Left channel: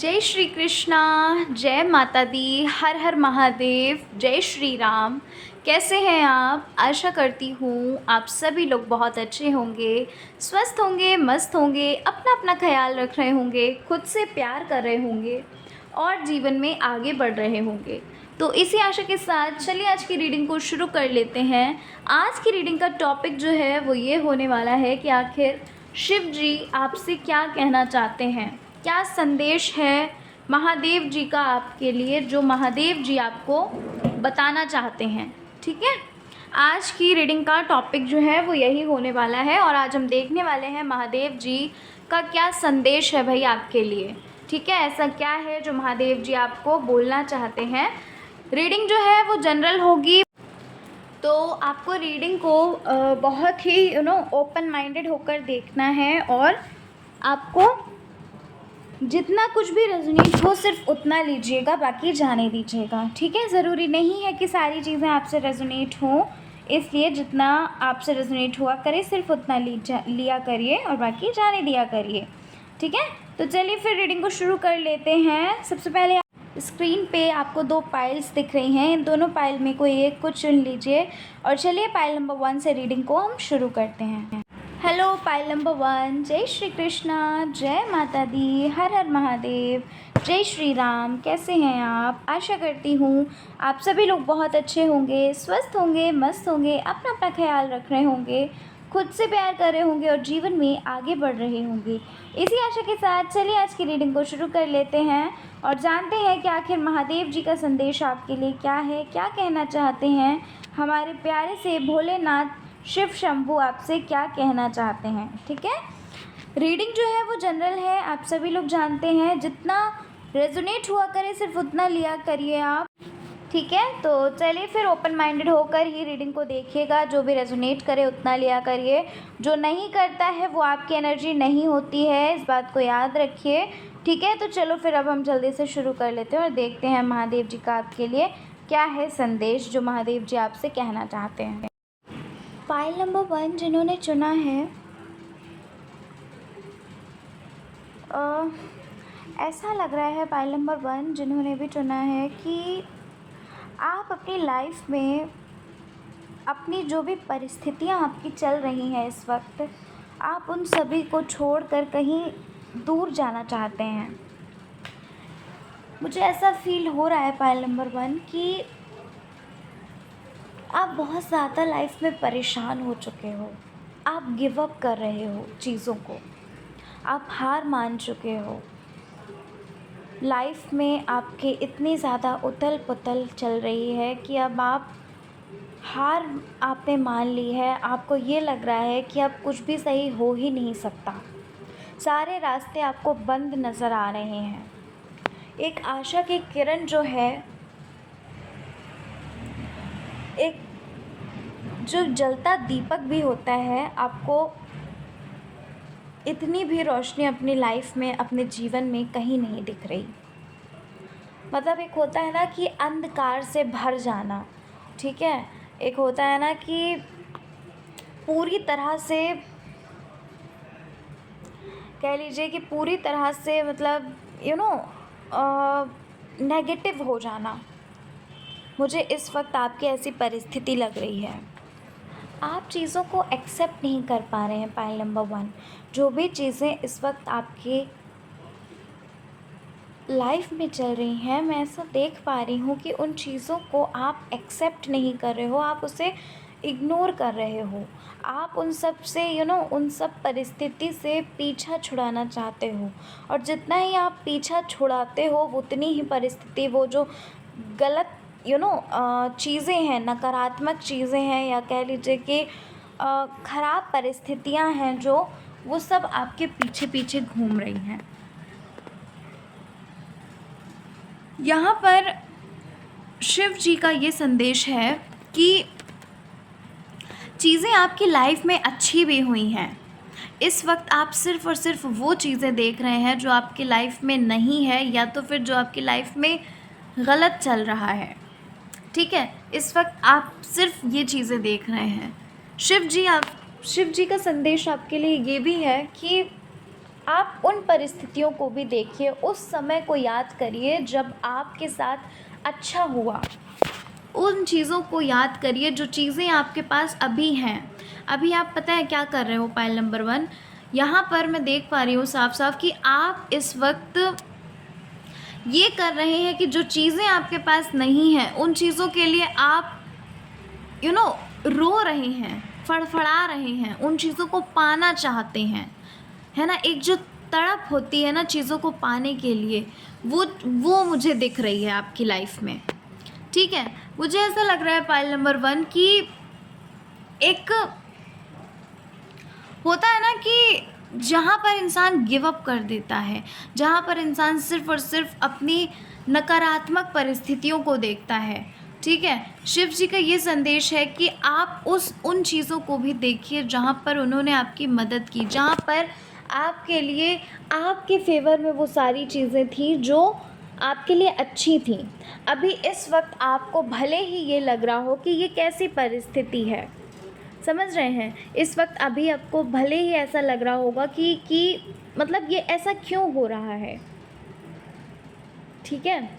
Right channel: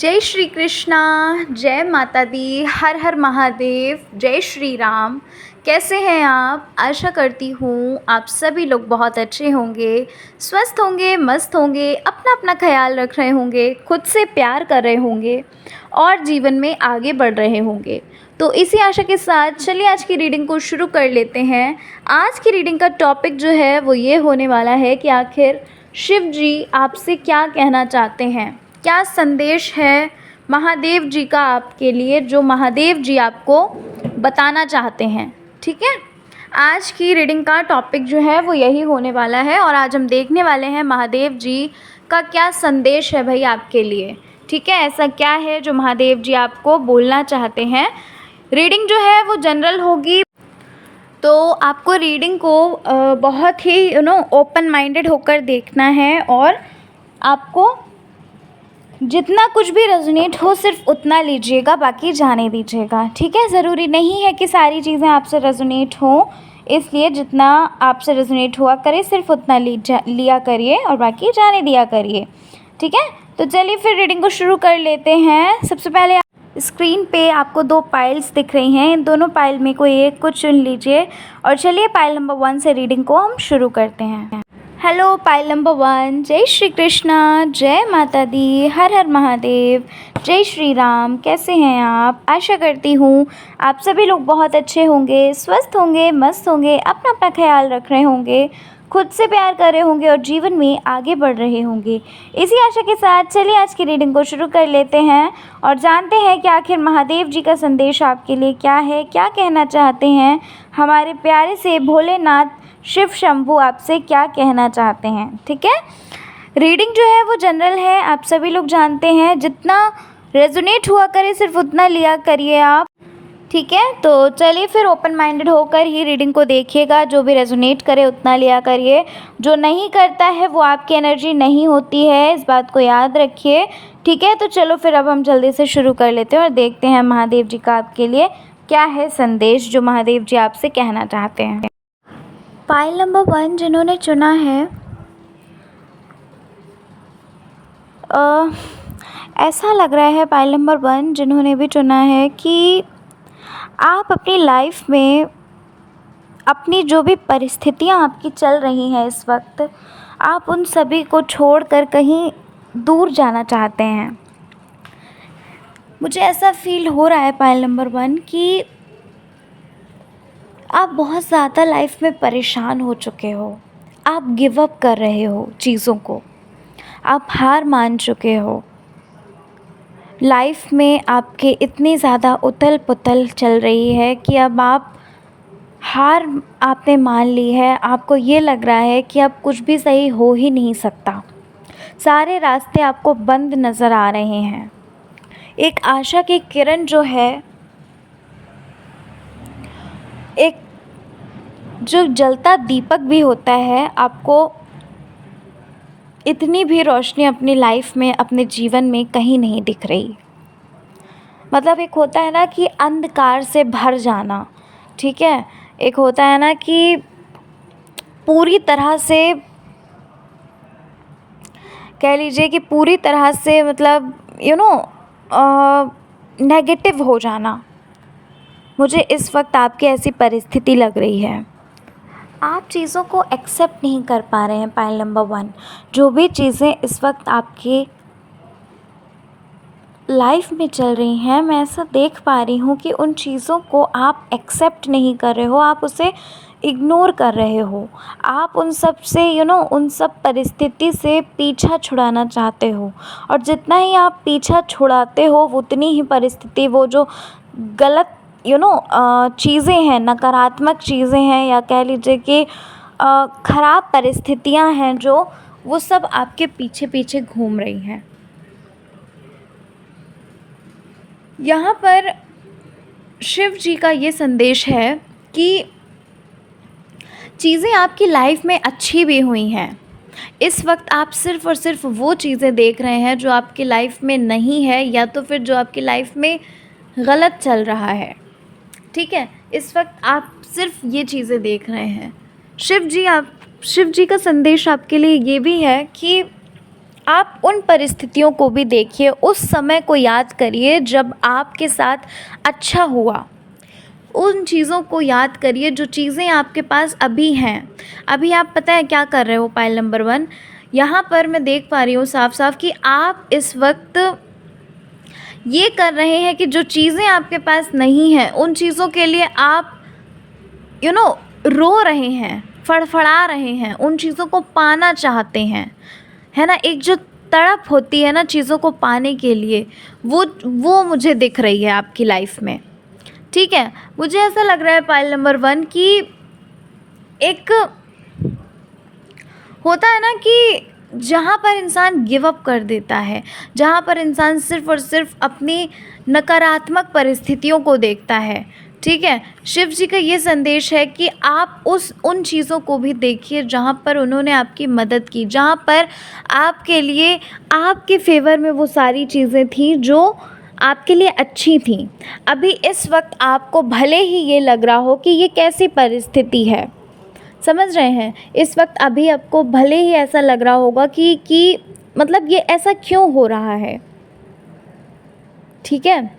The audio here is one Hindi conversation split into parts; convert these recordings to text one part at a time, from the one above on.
जय श्री कृष्णा। जय माता दी। हर हर महादेव। जय श्री राम। कैसे हैं आप? आशा करती हूँ आप सभी लोग बहुत अच्छे होंगे, स्वस्थ होंगे, मस्त होंगे, अपना अपना ख्याल रख रहे होंगे, खुद से प्यार कर रहे होंगे और जीवन में आगे बढ़ रहे होंगे। तो इसी आशा के साथ चलिए आज की रीडिंग को शुरू कर लेते हैं। आज की रीडिंग का टॉपिक जो है वो ये होने वाला है कि आखिर शिव जी आपसे क्या कहना चाहते हैं, क्या संदेश है महादेव जी का आपके लिए, जो महादेव जी आपको बताना चाहते हैं। ठीक है, आज की रीडिंग का टॉपिक जो है वो यही होने वाला है और आज हम देखने वाले हैं महादेव जी का क्या संदेश है भाई आपके लिए। ठीक है, ऐसा क्या है जो महादेव जी आपको बोलना चाहते हैं। रीडिंग जो है वो जनरल होगी, तो आपको रीडिंग को बहुत ही ओपन माइंडेड होकर देखना है और आपको जितना कुछ भी रेजोनेट हो सिर्फ उतना लीजिएगा, बाकी जाने दीजिएगा। ठीक है, ज़रूरी नहीं है कि सारी चीज़ें आपसे रेजोनेट हों, इसलिए जितना आपसे रेजोनेट हुआ करे सिर्फ उतना लिया करिए और बाकी जाने दिया करिए। ठीक है, तो चलिए फिर रीडिंग को शुरू कर लेते हैं। सबसे पहले स्क्रीन पे आपको 2 पाइल्स दिख रही हैं, इन दोनों पाइल में कोई एक को चुन लीजिए और चलिए पाइल नंबर 1 से रीडिंग को हम शुरू करते हैं। Hello pile number 1। जय श्री कृष्णा। जय माता दी। हर हर महादेव। जय श्री राम। कैसे हैं आप? आशा करती हूँ आप सभी लोग बहुत अच्छे होंगे, स्वस्थ होंगे, मस्त होंगे, अपना अपना ख्याल रख रहे होंगे, खुद से प्यार कर रहे होंगे और जीवन में आगे बढ़ रहे होंगे। इसी आशा के साथ चलिए आज की रीडिंग को शुरू कर लेते हैं और जानते हैं कि आखिर महादेव जी का संदेश आपके लिए क्या है, क्या कहना चाहते हैं। हमारे प्यारे से भोलेनाथ शिव शंभू आपसे क्या कहना चाहते हैं। ठीक है, रीडिंग जो है वो जनरल है, आप सभी लोग जानते हैं, जितना रेजोनेट हुआ करे सिर्फ उतना लिया करिए आप। ठीक है, तो चलिए फिर ओपन माइंडेड होकर ही रीडिंग को देखिएगा, जो भी रेजोनेट करे उतना लिया करिए, जो नहीं करता है वो आपकी एनर्जी नहीं होती है, इस बात को याद रखिए। ठीक है, तो चलो फिर अब हम जल्दी से शुरू कर लेते हैं और देखते हैं महादेव जी का आपके लिए क्या है संदेश, जो महादेव जी आपसे कहना चाहते हैं। पाइल नंबर 1 जिन्होंने चुना है, ऐसा लग रहा है पाइल नंबर 1 जिन्होंने भी चुना है कि आप अपनी लाइफ में अपनी जो भी परिस्थितियां आपकी चल रही हैं इस वक्त, आप उन सभी को छोड़कर कहीं दूर जाना चाहते हैं। मुझे ऐसा फील हो रहा है पाइल नंबर 1 कि आप बहुत ज़्यादा लाइफ में परेशान हो चुके हो, आप गिव अप कर रहे हो चीज़ों को, आप हार मान चुके हो। लाइफ में आपके इतनी ज़्यादा उथल पुथल चल रही है कि अब आप हार आपने मान ली है। आपको ये लग रहा है कि अब कुछ भी सही हो ही नहीं सकता, सारे रास्ते आपको बंद नज़र आ रहे हैं। एक आशा की किरण जो है, एक जो जलता दीपक भी होता है, आपको इतनी भी रोशनी अपनी लाइफ में, अपने जीवन में कहीं नहीं दिख रही। मतलब एक होता है ना कि अंधकार से भर जाना। ठीक है, एक होता है ना कि पूरी तरह से कह लीजिए कि पूरी तरह से मतलब नेगेटिव हो जाना। मुझे इस वक्त आपकी ऐसी परिस्थिति लग रही है, आप चीज़ों को एक्सेप्ट नहीं कर पा रहे हैं। पाइल नंबर 1, जो भी चीज़ें इस वक्त आपके लाइफ में चल रही हैं, मैं ऐसा देख पा रही हूँ कि उन चीज़ों को आप एक्सेप्ट नहीं कर रहे हो, आप उसे इग्नोर कर रहे हो। आप उन सब से उन सब परिस्थिति से पीछा छुड़ाना चाहते हो और जितना ही आप पीछा छुड़ाते हो उतनी ही परिस्थिति, वो जो गलत चीज़ें हैं, नकारात्मक चीज़ें हैं, या कह लीजिए कि ख़राब परिस्थितियां हैं, जो वो सब आपके पीछे पीछे घूम रही हैं। यहाँ पर शिव जी का ये संदेश है कि चीज़ें आपकी लाइफ में अच्छी भी हुई हैं। इस वक्त आप सिर्फ़ और सिर्फ वो चीज़ें देख रहे हैं जो आपकी लाइफ में नहीं है, या तो फिर जो आपकी लाइफ में गलत चल रहा है। ठीक है, इस वक्त आप सिर्फ ये चीज़ें देख रहे हैं। शिव जी का संदेश आपके लिए ये भी है कि आप उन परिस्थितियों को भी देखिए, उस समय को याद करिए जब आपके साथ अच्छा हुआ। उन चीज़ों को याद करिए जो चीज़ें आपके पास अभी हैं। अभी आप पता है क्या कर रहे हो? पाइल नंबर 1, यहाँ पर मैं देख पा रही हूँ साफ-साफ कि आप इस वक़्त ये कर रहे हैं कि जो चीज़ें आपके पास नहीं हैं, उन चीज़ों के लिए आप रो रहे हैं, फड़फड़ा रहे हैं, उन चीज़ों को पाना चाहते हैं, है ना? एक जो तड़प होती है ना चीज़ों को पाने के लिए, वो मुझे दिख रही है आपकी लाइफ में, ठीक है? मुझे ऐसा लग रहा है पाइल नंबर 1 कि एक होता है ना कि जहाँ पर इंसान गिव अप कर देता है, जहाँ पर इंसान सिर्फ़ और सिर्फ अपनी नकारात्मक परिस्थितियों को देखता है, ठीक है? शिव जी का ये संदेश है कि आप उन चीज़ों को भी देखिए जहाँ पर उन्होंने आपकी मदद की, जहाँ पर आपके लिए आपके फ़ेवर में वो सारी चीज़ें थी जो आपके लिए अच्छी थी। अभी इस वक़्त आपको भले ही ये लग रहा हो कि ये कैसी परिस्थिति है, समझ रहे हैं? इस वक़्त अभी आपको भले ही ऐसा लग रहा होगा कि मतलब ये ऐसा क्यों हो रहा है, ठीक है?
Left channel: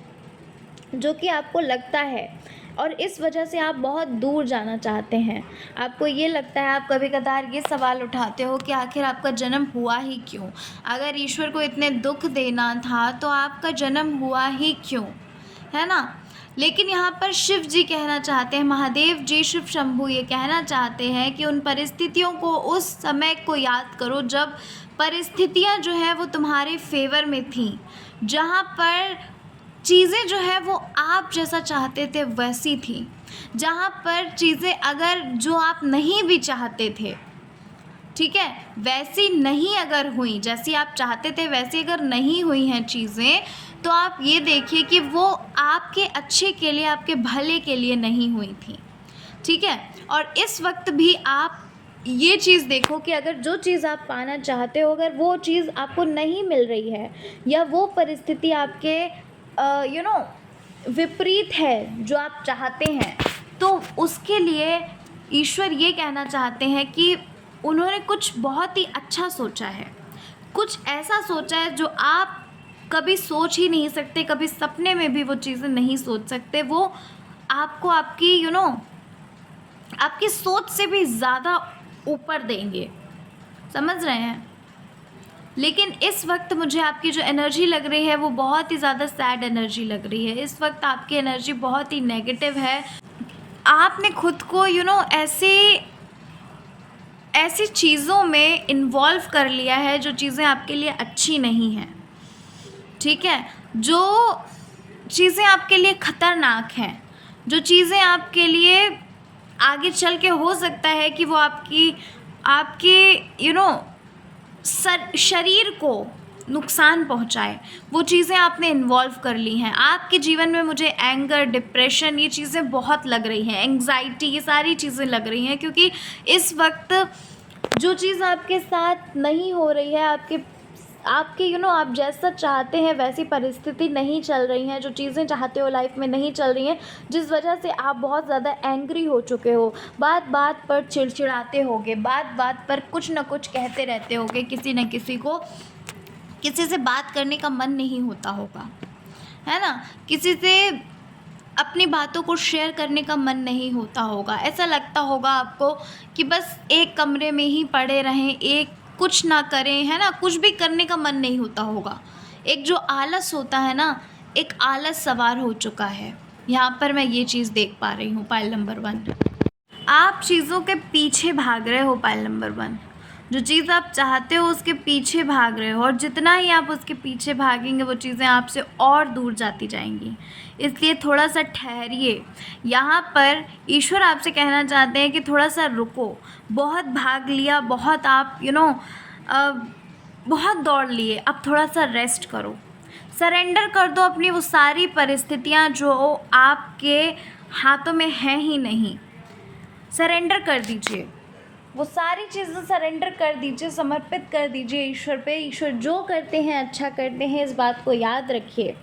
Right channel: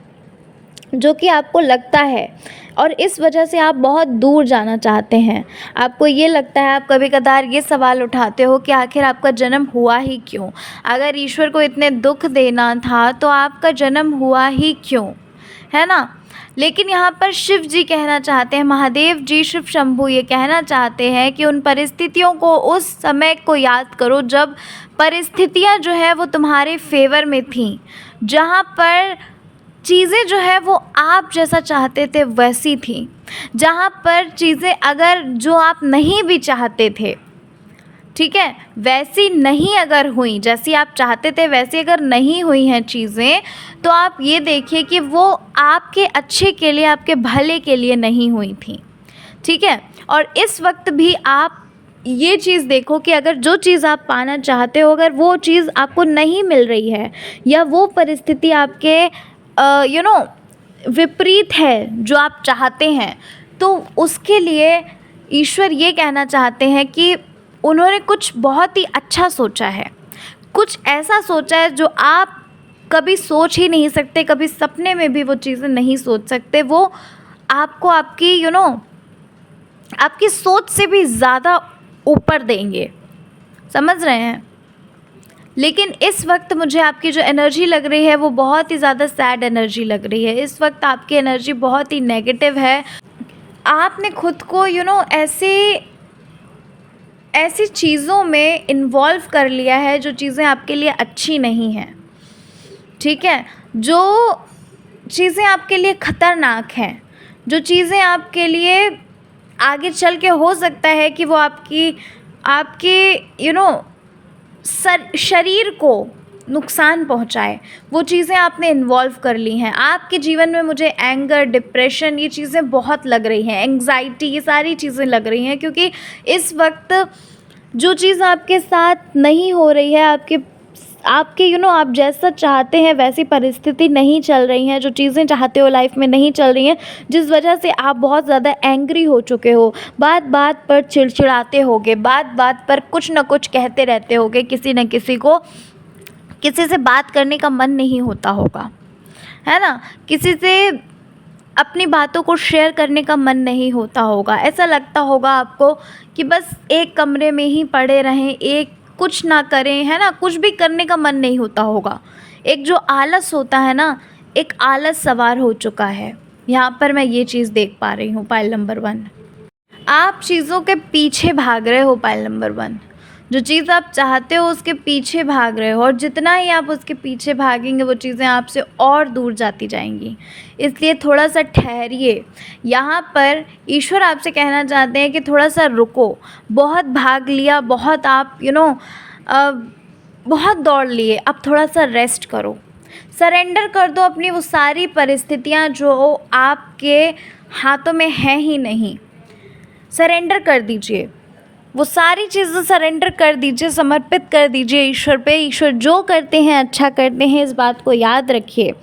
जो कि आपको लगता है और इस वजह से आप बहुत दूर जाना चाहते हैं। आपको ये लगता है, आप कभी-कभार ये सवाल उठाते हो कि आखिर आपका जन्म हुआ ही क्यों? अगर ईश्वर को इतने दुःख देना था तो आपका जन्म हुआ ही क्यों? है ना? लेकिन यहाँ पर शिव जी कहना चाहते हैं, महादेव जी, शिव शंभू ये कहना चाहते हैं कि उन परिस्थितियों को, उस समय को याद करो जब परिस्थितियाँ जो है वो तुम्हारे फ़ेवर में थीं, जहाँ पर चीज़ें जो है वो आप जैसा चाहते थे वैसी थी, जहाँ पर चीज़ें अगर जो आप नहीं भी चाहते थे, ठीक है, वैसी नहीं अगर हुई, जैसी आप चाहते थे वैसी अगर नहीं हुई हैं चीज़ें, तो आप ये देखिए कि वो आपके अच्छे के लिए, आपके भले के लिए नहीं हुई थी, ठीक है? और इस वक्त भी आप ये चीज़ देखो कि अगर जो चीज़ आप पाना चाहते हो, अगर वो चीज़ आपको नहीं मिल रही है या वो परिस्थिति आपके विपरीत है जो आप चाहते हैं, तो उसके लिए ईश्वर ये कहना चाहते हैं कि उन्होंने कुछ बहुत ही अच्छा सोचा है, कुछ ऐसा सोचा है जो आप कभी सोच ही नहीं सकते, कभी सपने में भी वो चीज़ें नहीं सोच सकते। वो आपको आपकी आपकी सोच से भी ज़्यादा ऊपर देंगे, समझ रहे हैं? लेकिन इस वक्त मुझे आपकी जो एनर्जी लग रही है वो बहुत ही ज़्यादा सैड एनर्जी लग रही है। इस वक्त आपकी एनर्जी बहुत ही नेगेटिव है। आपने खुद को ऐसी चीज़ों में इन्वॉल्व कर लिया है जो चीज़ें आपके लिए अच्छी नहीं हैं, ठीक है? जो चीज़ें आपके लिए ख़तरनाक हैं, जो चीज़ें आपके लिए आगे चल के हो सकता है कि वो आपके शरीर को नुकसान पहुंचाए, वो चीज़ें आपने इन्वॉल्व कर ली हैं। आपके जीवन में मुझे एंगर, डिप्रेशन ये चीज़ें बहुत लग रही हैं, एंग्जाइटी ये सारी चीज़ें लग रही हैं, क्योंकि इस वक्त जो चीज़ आपके साथ नहीं हो रही है, आपके आप जैसा चाहते हैं वैसी परिस्थिति नहीं चल रही हैं, जो चीज़ें चाहते हो लाइफ में नहीं चल रही हैं, जिस वजह से आप बहुत ज़्यादा एंग्री हो चुके हो, बात बात पर चिड़चिड़ाते होगे, बात बात पर कुछ न कुछ कहते रहते होगे, किसी न किसी को, किसी से बात करने का मन नहीं होता होगा, है ना? किसी से अपनी बातों को शेयर करने का मन नहीं होता होगा। ऐसा लगता होगा आपको कि बस एक कमरे में ही पड़े रहें, कुछ ना करें, है ना? कुछ भी करने का मन नहीं होता होगा। एक जो आलस होता है ना, एक आलस सवार हो चुका है। यहाँ पर मैं ये चीज़ देख पा रही हूँ पाइल नंबर 1। आप चीज़ों के पीछे भाग रहे हो पाइल नंबर 1। जो चीज़ आप चाहते हो उसके पीछे भाग रहे हो, और जितना ही आप उसके पीछे भागेंगे वो चीज़ें आपसे और दूर जाती जाएंगी। इसलिए थोड़ा सा ठहरिए। यहाँ पर ईश्वर आपसे कहना चाहते हैं कि थोड़ा सा रुको। बहुत भाग लिया, बहुत आप बहुत दौड़ लिए, अब थोड़ा सा रेस्ट करो, सरेंडर कर दो अपनी वो सारी परिस्थितियाँ जो आपके हाथों में हैं ही नहीं। सरेंडर कर दीजिए, वो सारी चीज़ें सरेंडर कर दीजिए, समर्पित कर दीजिए ईश्वर पे। ईश्वर जो करते हैं अच्छा करते हैं, इस बात को याद रखिए।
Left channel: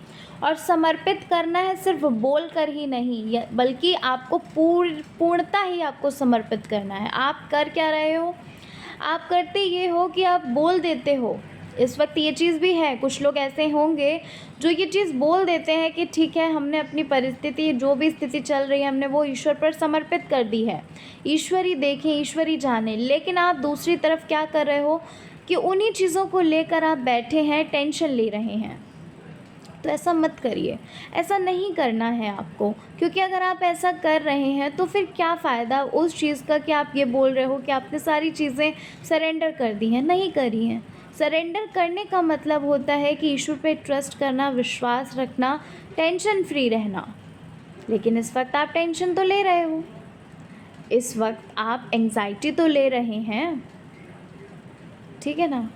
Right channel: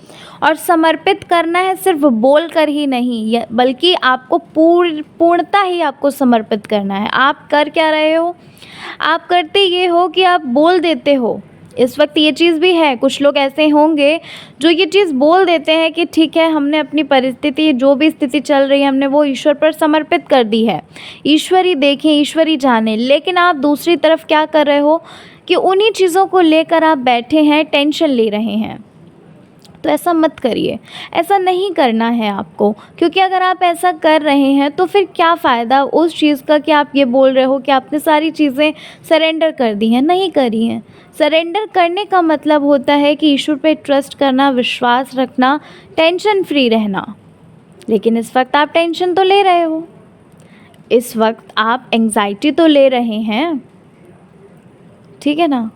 और समर्पित करना है सिर्फ बोल कर ही नहीं, बल्कि आपको पूर्णता ही आपको समर्पित करना है। आप कर क्या रहे हो? आप करते ये हो कि आप बोल देते हो इस वक्त ये चीज़ भी है, कुछ लोग ऐसे होंगे जो ये चीज़ बोल देते हैं कि ठीक है, हमने अपनी परिस्थिति, जो भी स्थिति चल रही है, हमने वो ईश्वर पर समर्पित कर दी है, ईश्वर ही देखें, ईश्वर ही जाने। लेकिन आप दूसरी तरफ क्या कर रहे हो कि उन्हीं चीज़ों को लेकर आप बैठे हैं, टेंशन ले रहे हैं। तो ऐसा मत करिए, ऐसा नहीं करना है आपको, क्योंकि अगर आप ऐसा कर रहे हैं तो फिर क्या फ़ायदा उस चीज़ का कि आप ये बोल रहे हो कि आपने सारी चीज़ें सरेंडर कर दी हैं। नहीं करी हैं। सरेंडर करने का मतलब होता है कि ईश्वर पे ट्रस्ट करना, विश्वास रखना, टेंशन फ्री रहना। लेकिन इस वक्त आप टेंशन तो ले रहे हो, इस वक्त आप एंग्जाइटी तो ले रहे हैं, ठीक है ना।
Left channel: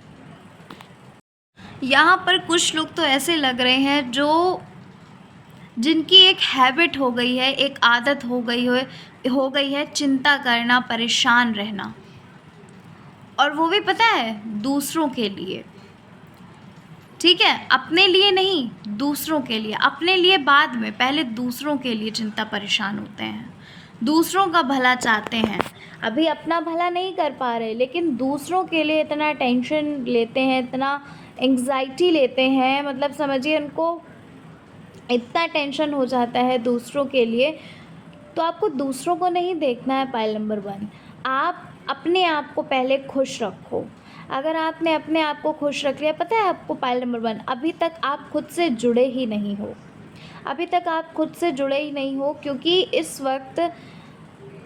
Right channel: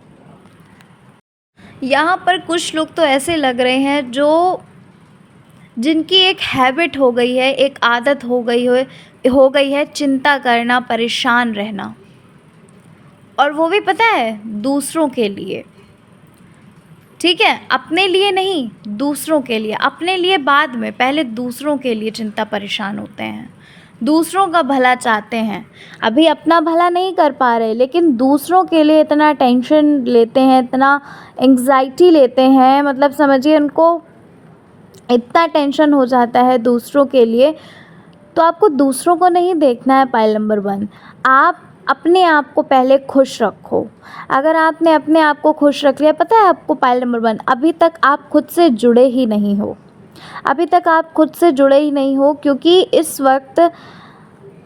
यहाँ पर कुछ लोग तो ऐसे लग रहे हैं जो जिनकी एक हैबिट हो गई है, एक आदत हो गई है चिंता करना, परेशान रहना, और वो भी पता है दूसरों के लिए। ठीक है, अपने लिए नहीं, दूसरों के लिए। अपने लिए बाद में, पहले दूसरों के लिए चिंता परेशान होते हैं, दूसरों का भला चाहते हैं। अभी अपना भला नहीं कर पा रहे, लेकिन दूसरों के लिए इतना टेंशन लेते हैं, इतना एंग्जाइटी लेते हैं, मतलब समझिए उनको इतना टेंशन हो जाता है दूसरों के लिए। तो आपको दूसरों को नहीं देखना है। पाइल नंबर 1, आप अपने आप को पहले खुश रखो। अगर आपने अपने आप को खुश रख लिया, पता है आपको पाइल नंबर 1, अभी तक आप खुद से जुड़े ही नहीं हो, अभी तक आप खुद से जुड़े ही नहीं हो। क्योंकि इस वक्त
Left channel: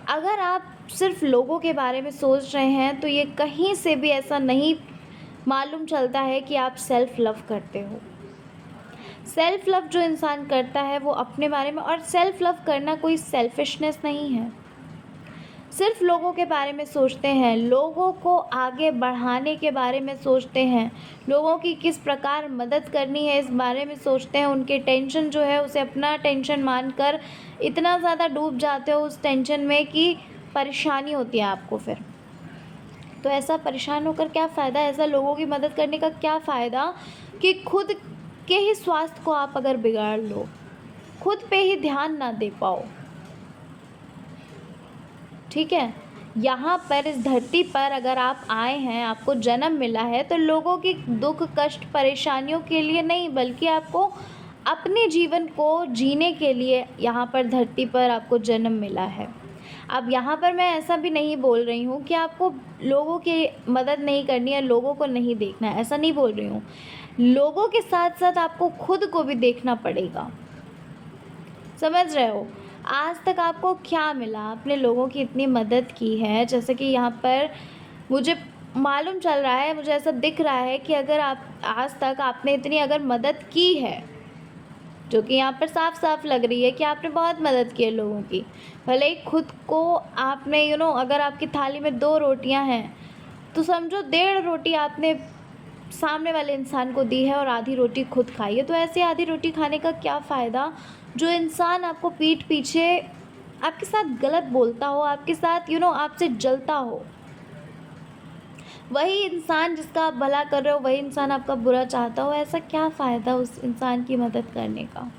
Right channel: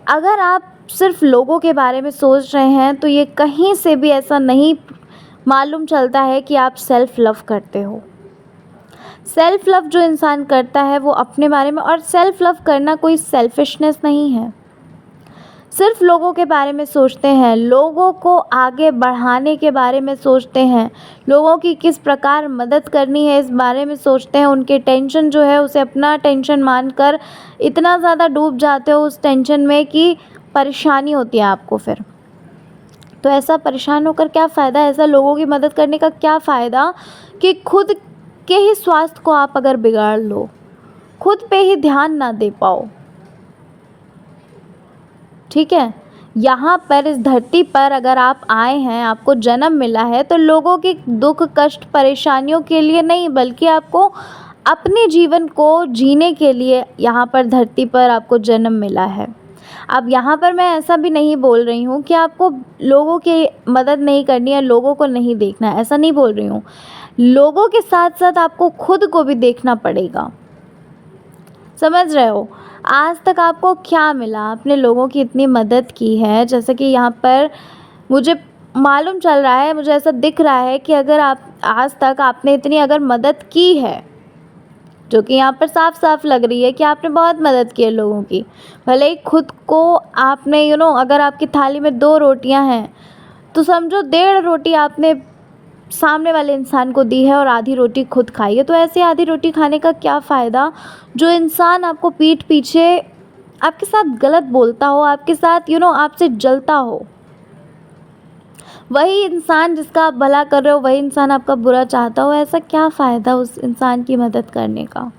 अगर आप सिर्फ लोगों के बारे में सोच रहे हैं तो ये कहीं से भी ऐसा नहीं मालूम चलता है कि आप सेल्फ़ लव करते हो। सेल्फ़ लव जो इंसान करता है वो अपने बारे में, और सेल्फ़ लव करना कोई सेल्फिशनेस नहीं है। सिर्फ लोगों के बारे में सोचते हैं, लोगों को आगे बढ़ाने के बारे में सोचते हैं, लोगों की किस प्रकार मदद करनी है इस बारे में सोचते हैं। उनके टेंशन जो है उसे अपना टेंशन मानकर इतना ज़्यादा डूब जाते हो उस टेंशन में कि परेशानी होती है आपको फिर। तो ऐसा परेशान होकर क्या फ़ायदा, ऐसा लोगों की मदद करने का क्या फ़ायदा कि खुद के ही स्वास्थ्य को आप अगर बिगाड़ लो, खुद पे ही ध्यान ना दे पाओ। ठीक है, यहाँ पर इस धरती पर अगर आप आए हैं, आपको जन्म मिला है, तो लोगों के दुख कष्ट परेशानियों के लिए नहीं, बल्कि आपको अपने जीवन को जीने के लिए यहाँ पर धरती पर आपको जन्म मिला है। अब यहाँ पर मैं ऐसा भी नहीं बोल रही हूँ कि आपको लोगों की मदद नहीं करनी है, लोगों को नहीं देखना है, ऐसा नहीं बोल रही हूँ। लोगों के साथ साथ आपको खुद को भी देखना पड़ेगा। समझ रहे हो, आज तक आपको क्या मिला, आपने लोगों की इतनी मदद की है। जैसे कि यहाँ पर मुझे मालूम चल रहा है, मुझे ऐसा दिख रहा है कि अगर आप आज तक आपने इतनी अगर मदद की है, जो कि यहाँ पर साफ साफ लग रही है कि आपने बहुत मदद की है लोगों की, भले ही खुद को आपने अगर आपकी थाली में 2 रोटियाँ हैं तो समझो 1.5 रोटी आपने सामने वाले इंसान को दी है और आधी रोटी खुद खाई है। तो ऐसे आधी रोटी खाने का क्या फ़ायदा, जो इंसान आपको पीठ पीछे आपके साथ गलत बोलता हो, आपके साथ आपसे जलता हो, वही इंसान जिसका आप भला कर रहे हो, वही इंसान आपका बुरा चाहता हो। ऐसा क्या फ़ायदा उस इंसान की मदद करने का,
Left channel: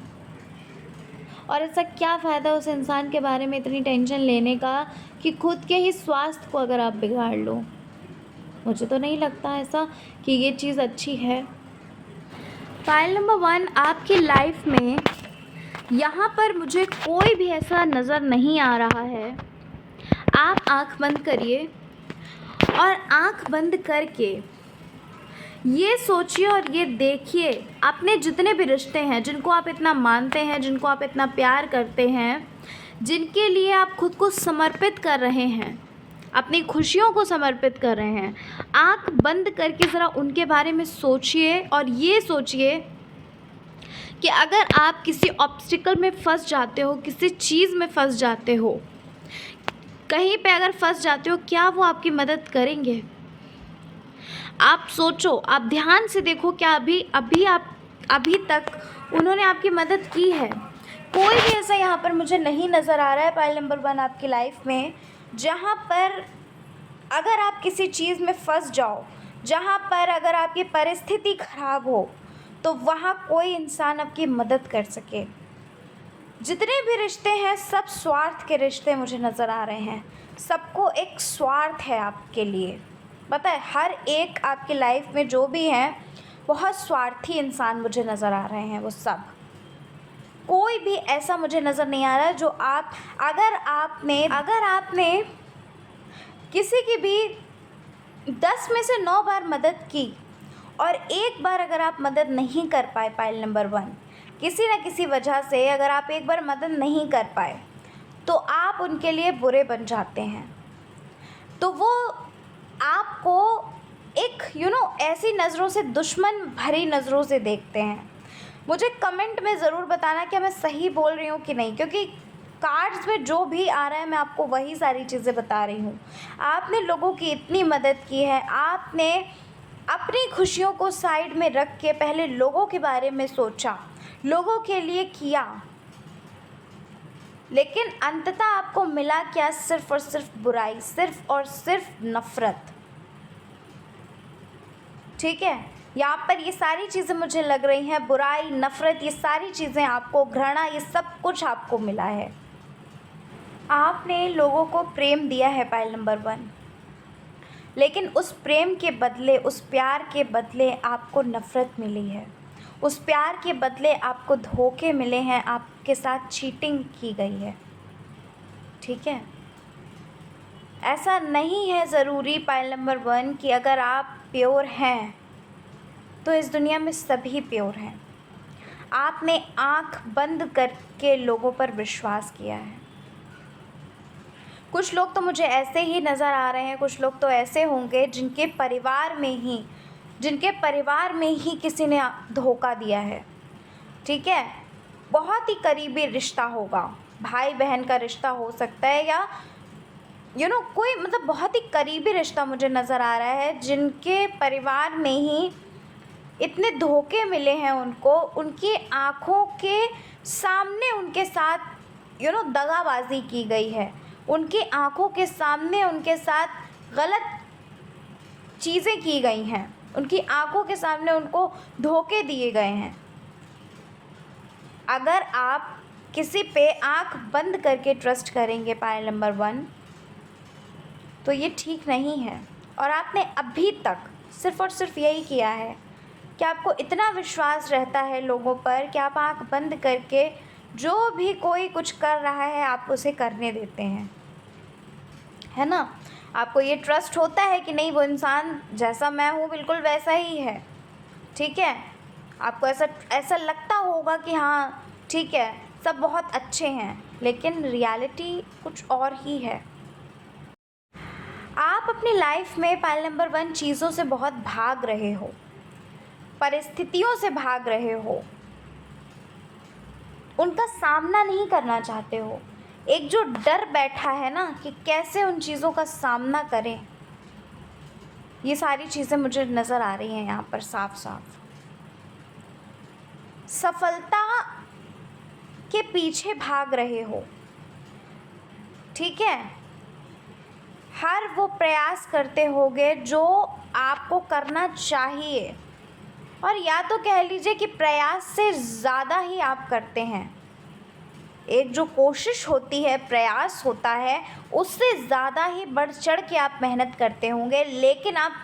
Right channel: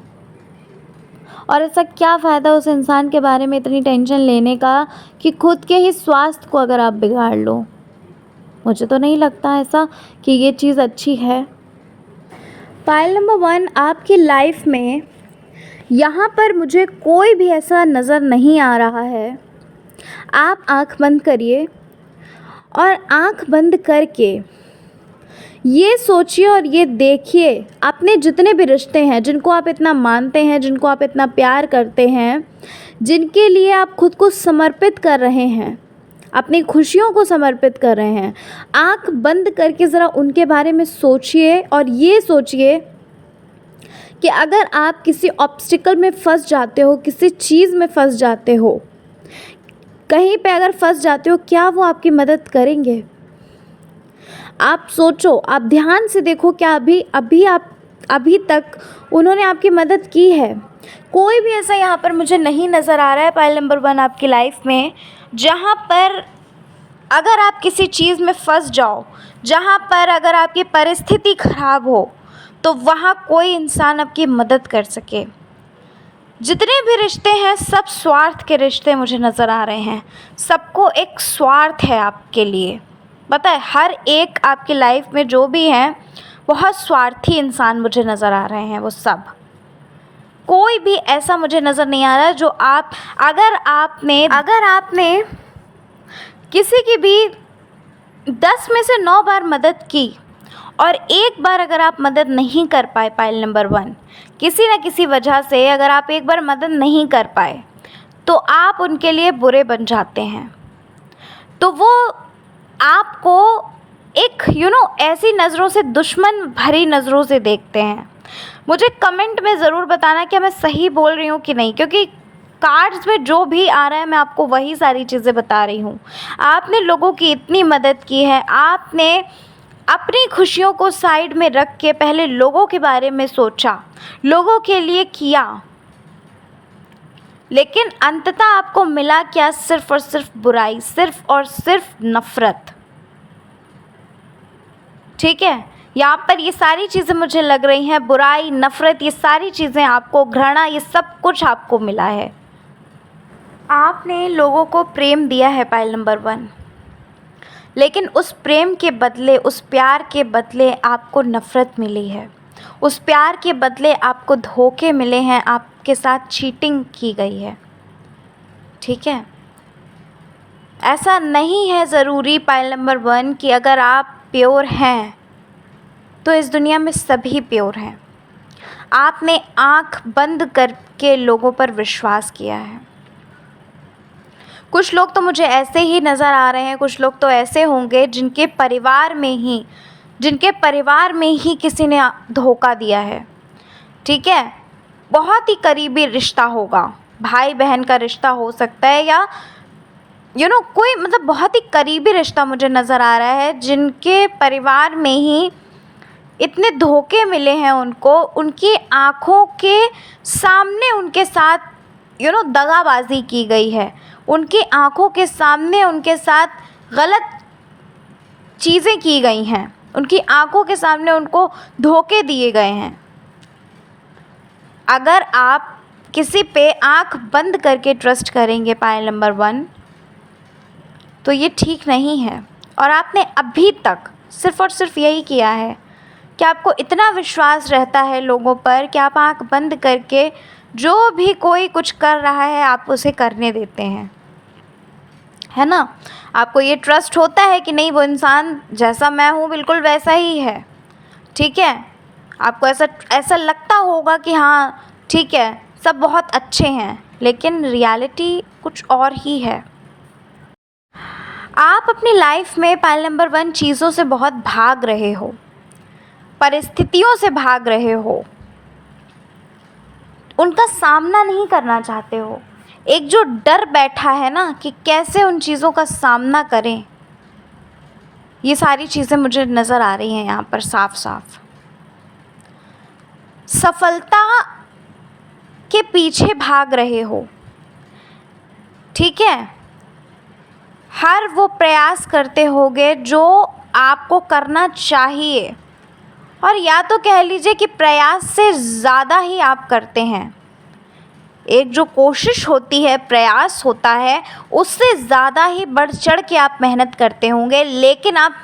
और ऐसा क्या फ़ायदा उस इंसान के बारे में इतनी टेंशन लेने का कि खुद के ही स्वास्थ्य को अगर आप बिगाड़ लो। मुझे तो नहीं लगता ऐसा कि ये चीज़ अच्छी है। फाइल नंबर 1, आपकी लाइफ में यहाँ पर मुझे कोई भी ऐसा नज़र नहीं आ रहा है। आप आँख बंद करिए और आँख बंद करके ये सोचिए और ये देखिए, अपने जितने भी रिश्ते हैं, जिनको आप इतना मानते हैं, जिनको आप इतना प्यार करते हैं, जिनके लिए आप खुद को समर्पित कर रहे हैं, अपनी खुशियों को समर्पित कर रहे हैं, आँख बंद करके ज़रा उनके बारे में सोचिए और ये सोचिए कि अगर आप किसी ऑब्स्टिकल में फंस जाते हो, किसी चीज़ में फंस जाते हो, कहीं पे अगर फंस जाते हो, क्या वो आपकी मदद करेंगे? आप सोचो, आप ध्यान से देखो, क्या अभी तक उन्होंने आपकी मदद की है? कोई भी ऐसा यहाँ पर मुझे नहीं नज़र आ रहा है पाइल नंबर 1 आपकी लाइफ में, जहाँ पर अगर आप किसी चीज़ में फंस जाओ, जहाँ पर अगर आपकी परिस्थिति ख़राब हो, तो वहाँ कोई इंसान आपकी मदद कर सके। जितने भी रिश्ते हैं सब स्वार्थ के रिश्ते मुझे नज़र आ रहे हैं। सबको एक स्वार्थ है आपके लिए। पता है, हर एक आपकी लाइफ में जो भी हैं बहुत स्वार्थी इंसान मुझे नज़र आ रहे हैं। वो सब, कोई भी ऐसा मुझे नज़र नहीं आ रहा जो अगर आपने किसी की भी 10 में से 9 बार मदद की और एक बार अगर आप मदद नहीं कर पाए, पाइल नंबर 1, किसी न किसी वजह से अगर आप एक बार मदद नहीं कर पाए तो आप उनके लिए बुरे बन जाते हैं। तो वो आपको एक ऐसी नज़रों से, दुश्मन भरी नज़रों से देखते हैं। मुझे कमेंट में ज़रूर बताना कि मैं सही बोल रही हूँ कि नहीं, क्योंकि कार्ड्स में जो भी आ रहा है मैं आपको वही सारी चीज़ें बता रही हूँ। आपने लोगों की इतनी मदद की है, आपने अपनी खुशियों को साइड में रख के पहले लोगों के बारे में सोचा, लोगों के लिए किया, लेकिन अंततः आपको मिला क्या? सिर्फ़ और सिर्फ बुराई, सिर्फ़ और सिर्फ नफ़रत। ठीक है, यहाँ पर ये सारी चीज़ें मुझे लग रही हैं, बुराई, नफ़रत, ये सारी चीज़ें आपको, घृणा, ये सब कुछ आपको मिला है। आपने लोगों को प्रेम दिया है, पाइल नंबर 1, लेकिन उस प्रेम के बदले, उस प्यार के बदले आपको नफ़रत मिली है। उस प्यार के बदले आपको धोखे मिले हैं, आपके साथ चीटिंग की गई है। ठीक है, ऐसा नहीं है ज़रूरी पाइल नंबर 1 कि अगर आप प्योर हैं तो इस दुनिया में सभी प्योर हैं। आपने आँख बंद करके लोगों पर विश्वास किया है। कुछ लोग तो मुझे ऐसे ही नज़र आ रहे हैं, कुछ लोग तो ऐसे होंगे जिनके परिवार में ही किसी ने धोखा दिया है। ठीक है, बहुत ही करीबी रिश्ता होगा, भाई बहन का रिश्ता हो सकता है, या कोई बहुत ही करीबी रिश्ता मुझे नज़र आ रहा है, जिनके परिवार में ही इतने धोखे मिले हैं उनको, उनकी आँखों के सामने उनके साथ दगाबाजी की गई है, उनकी आँखों के सामने उनके साथ गलत चीज़ें की गई हैं, उनकी आँखों के सामने उनको धोखे दिए गए हैं। अगर आप किसी पे आँख बंद करके ट्रस्ट करेंगे, पाइल नंबर 1, तो ये ठीक नहीं है। और आपने अभी तक सिर्फ़ और सिर्फ यही किया है कि आपको इतना विश्वास रहता है लोगों पर कि आप आँख बंद करके जो भी कोई कुछ कर रहा है आप उसे करने देते हैं, है ना। आपको ये ट्रस्ट होता है कि नहीं, वो इंसान जैसा मैं हूँ बिल्कुल वैसा ही है। ठीक है, आपको ऐसा लगता होगा कि हाँ ठीक है, सब बहुत अच्छे हैं, लेकिन रियलिटी कुछ और ही है। आप अपनी लाइफ में, पाइल नंबर 1, चीज़ों से बहुत भाग रहे हो, परिस्थितियों से भाग रहे हो, उनका सामना नहीं करना चाहते हो। एक जो डर बैठा है ना कि कैसे उन चीज़ों का सामना करें, ये सारी चीज़ें मुझे नज़र आ रही हैं यहाँ पर साफ साफ। सफलता के पीछे भाग रहे हो। ठीक है, हर वो प्रयास करते होगे जो आपको करना चाहिए, और या तो कह लीजिए कि प्रयास से ज़्यादा ही आप करते हैं। एक जो कोशिश होती है, प्रयास होता है, उससे ज़्यादा ही बढ़ चढ़ के आप मेहनत करते होंगे, लेकिन आप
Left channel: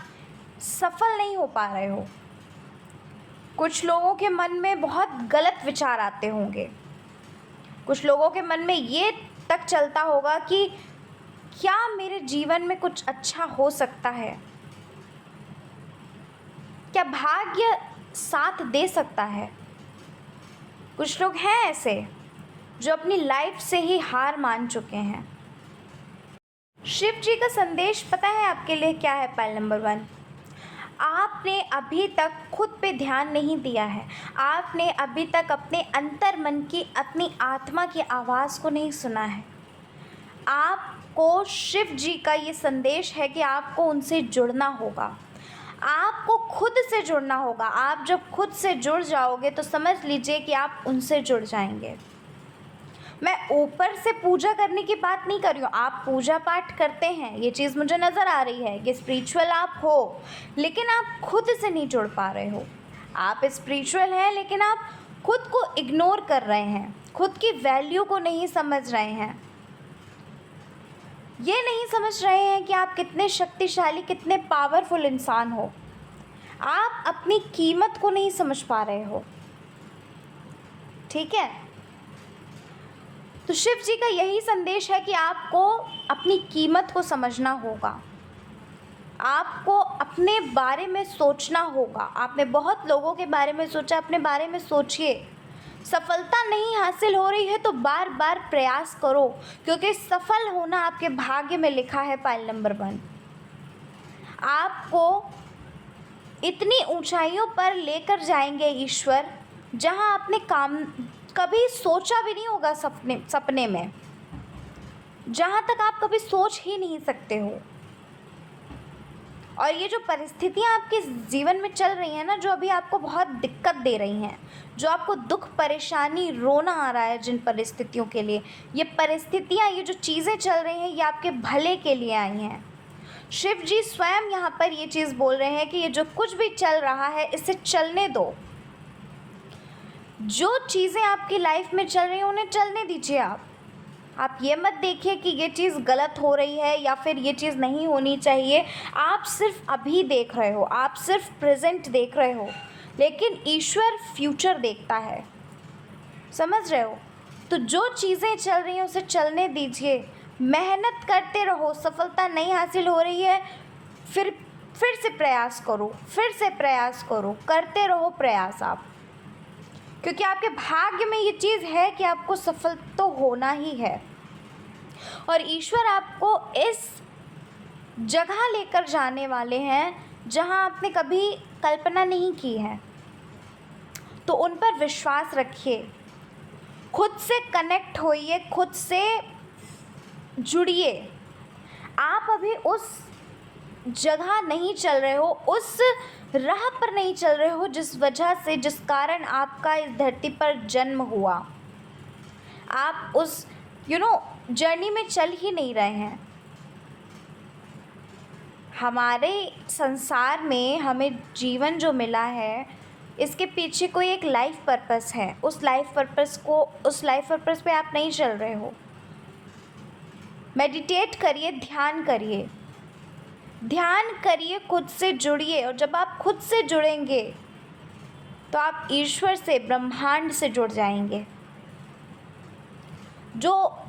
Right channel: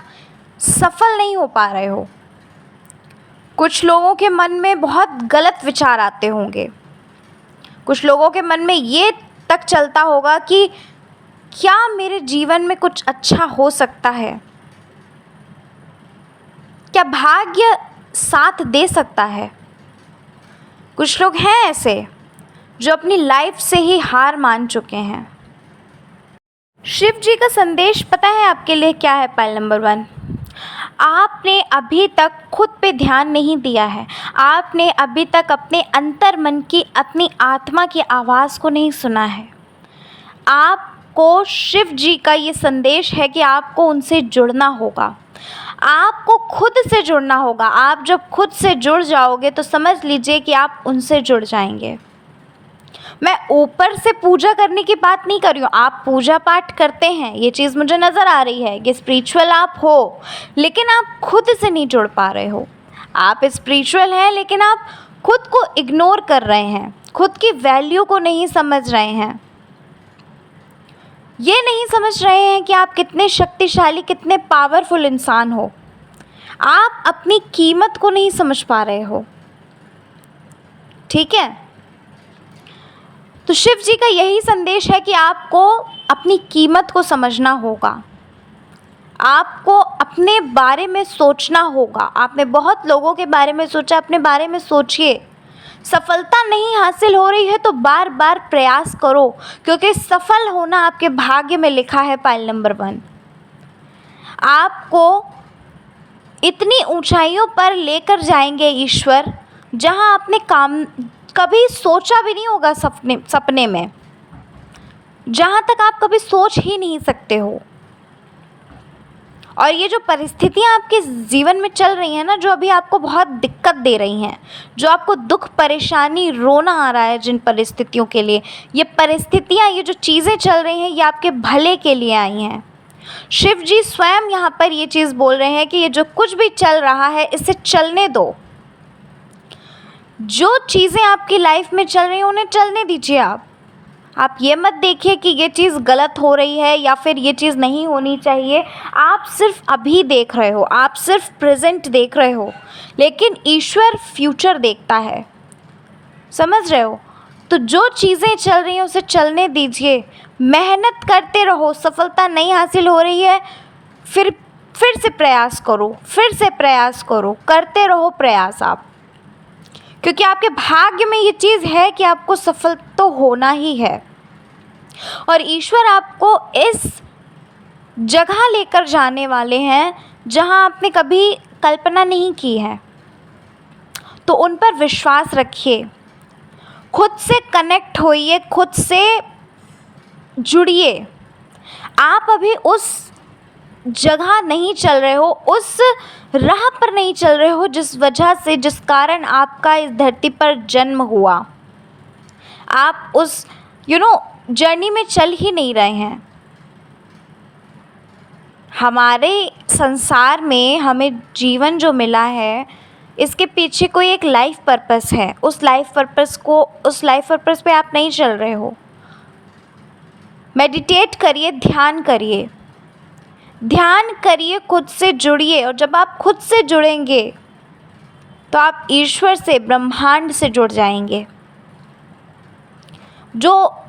सफल नहीं हो पा रहे हो। कुछ लोगों के मन में बहुत गलत विचार आते होंगे, कुछ लोगों के मन में ये तक चलता होगा कि क्या मेरे जीवन में कुछ अच्छा हो सकता है, क्या भाग्य साथ दे सकता है। कुछ लोग हैं ऐसे जो अपनी लाइफ से ही हार मान चुके हैं। शिव जी का संदेश पता है आपके लिए क्या है, पाइल नंबर 1? आपने अभी तक खुद पे ध्यान नहीं दिया है, आपने अभी तक अपने अंतर मन की, अपनी आत्मा की आवाज़ को नहीं सुना है। आपको शिव जी का ये संदेश है कि आपको उनसे जुड़ना होगा, आपको खुद से जुड़ना होगा। आप जब खुद से जुड़ जाओगे तो समझ लीजिए कि आप उनसे जुड़ जाएंगे। मैं ऊपर से पूजा करने की बात नहीं कर रही हूँ, आप पूजा पाठ करते हैं, ये चीज़ मुझे नज़र आ रही है कि स्पिरिचुअल आप हो, लेकिन आप खुद से नहीं जुड़ पा रहे हो। आप स्पिरिचुअल हैं लेकिन आप खुद को इग्नोर कर रहे हैं, खुद की वैल्यू को नहीं समझ रहे हैं। ये नहीं समझ रहे हैं कि आप कितने शक्तिशाली, कितने पावरफुल इंसान हो। आप अपनी कीमत को नहीं समझ पा रहे हो। ठीक है, तो शिव जी का यही संदेश है कि आपको अपनी कीमत को समझना होगा, आपको अपने बारे में सोचना होगा। आपने बहुत लोगों के बारे में सोचा, अपने बारे में सोचिए। सफलता नहीं हासिल हो रही है तो बार बार प्रयास करो, क्योंकि सफल होना आपके भाग्य में लिखा है। पाइल नंबर 1, आपको इतनी ऊंचाइयों पर लेकर जाएंगे ईश्वर, जहां आपने काम कभी सोचा भी नहीं होगा सपने में, जहां तक आप कभी सोच ही नहीं सकते हो। और ये जो परिस्थितियाँ आपके जीवन में चल रही हैं ना, जो अभी आपको बहुत दिक्कत दे रही हैं, जो आपको दुख, परेशानी, रोना आ रहा है जिन परिस्थितियों के लिए, ये परिस्थितियाँ, ये जो चीज़ें चल रही हैं, ये आपके भले के लिए आई हैं। शिव जी स्वयं यहाँ पर ये चीज़ बोल रहे हैं कि ये जो कुछ भी चल रहा है इसे चलने दो। जो चीज़ें आपकी लाइफ में चल रही हैं उन्हें चलने दीजिए। आप ये मत देखिए कि ये चीज़ गलत हो रही है या फिर ये चीज़ नहीं होनी चाहिए। आप सिर्फ अभी देख रहे हो, आप सिर्फ प्रेजेंट देख रहे हो, लेकिन ईश्वर फ्यूचर देखता है। समझ रहे हो? तो जो चीज़ें चल रही हैं उसे चलने दीजिए, मेहनत करते रहो। सफलता नहीं हासिल हो रही है, फिर से प्रयास करो, फिर से प्रयास करो, करते रहो प्रयास आप, क्योंकि आपके भाग्य में ये चीज़ है कि आपको सफल तो होना ही है। और ईश्वर आपको इस जगह लेकर जाने वाले हैं जहां आपने कभी कल्पना नहीं की है। तो उन पर विश्वास रखिए, खुद से कनेक्ट होइए, खुद से जुड़िए। आप अभी उस जगह नहीं चल रहे हो, उस राह पर नहीं चल रहे हो जिस वजह से, जिस कारण आपका इस धरती पर जन्म हुआ। आप उस जर्नी में चल ही नहीं रहे हैं। हमारे संसार में हमें जीवन जो मिला है, इसके पीछे कोई एक लाइफ पर्पस है। उस लाइफ पर्पस पे आप नहीं चल रहे हो। मेडिटेट करिए, ध्यान करिए, ध्यान करिए, खुद से जुड़िए। और जब आप खुद से जुड़ेंगे तो आप ईश्वर से, ब्रह्मांड से जुड़ जाएंगे। जो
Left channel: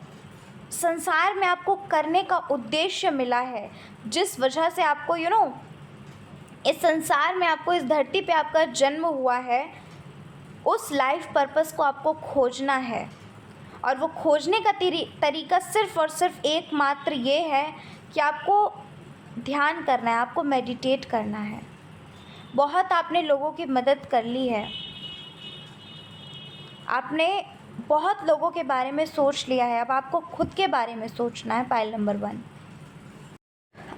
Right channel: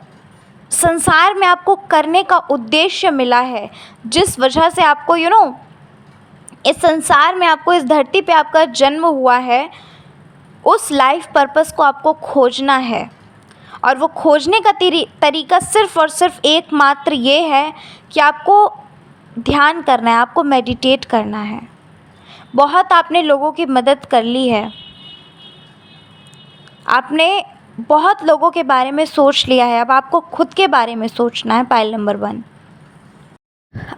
संसार में आपको करने का उद्देश्य मिला है, जिस वजह से आपको इस संसार में, आपको इस धरती पे आपका जन्म हुआ है, उस लाइफ पर्पस को आपको खोजना है। और वो खोजने का तरीका सिर्फ़ और सिर्फ एकमात्र ये है कि आपको ध्यान करना है, आपको मेडिटेट करना है। बहुत आपने लोगों की मदद कर ली है, आपने बहुत लोगों के बारे में सोच लिया है, अब आपको खुद के बारे में सोचना है। पाइल नंबर 1,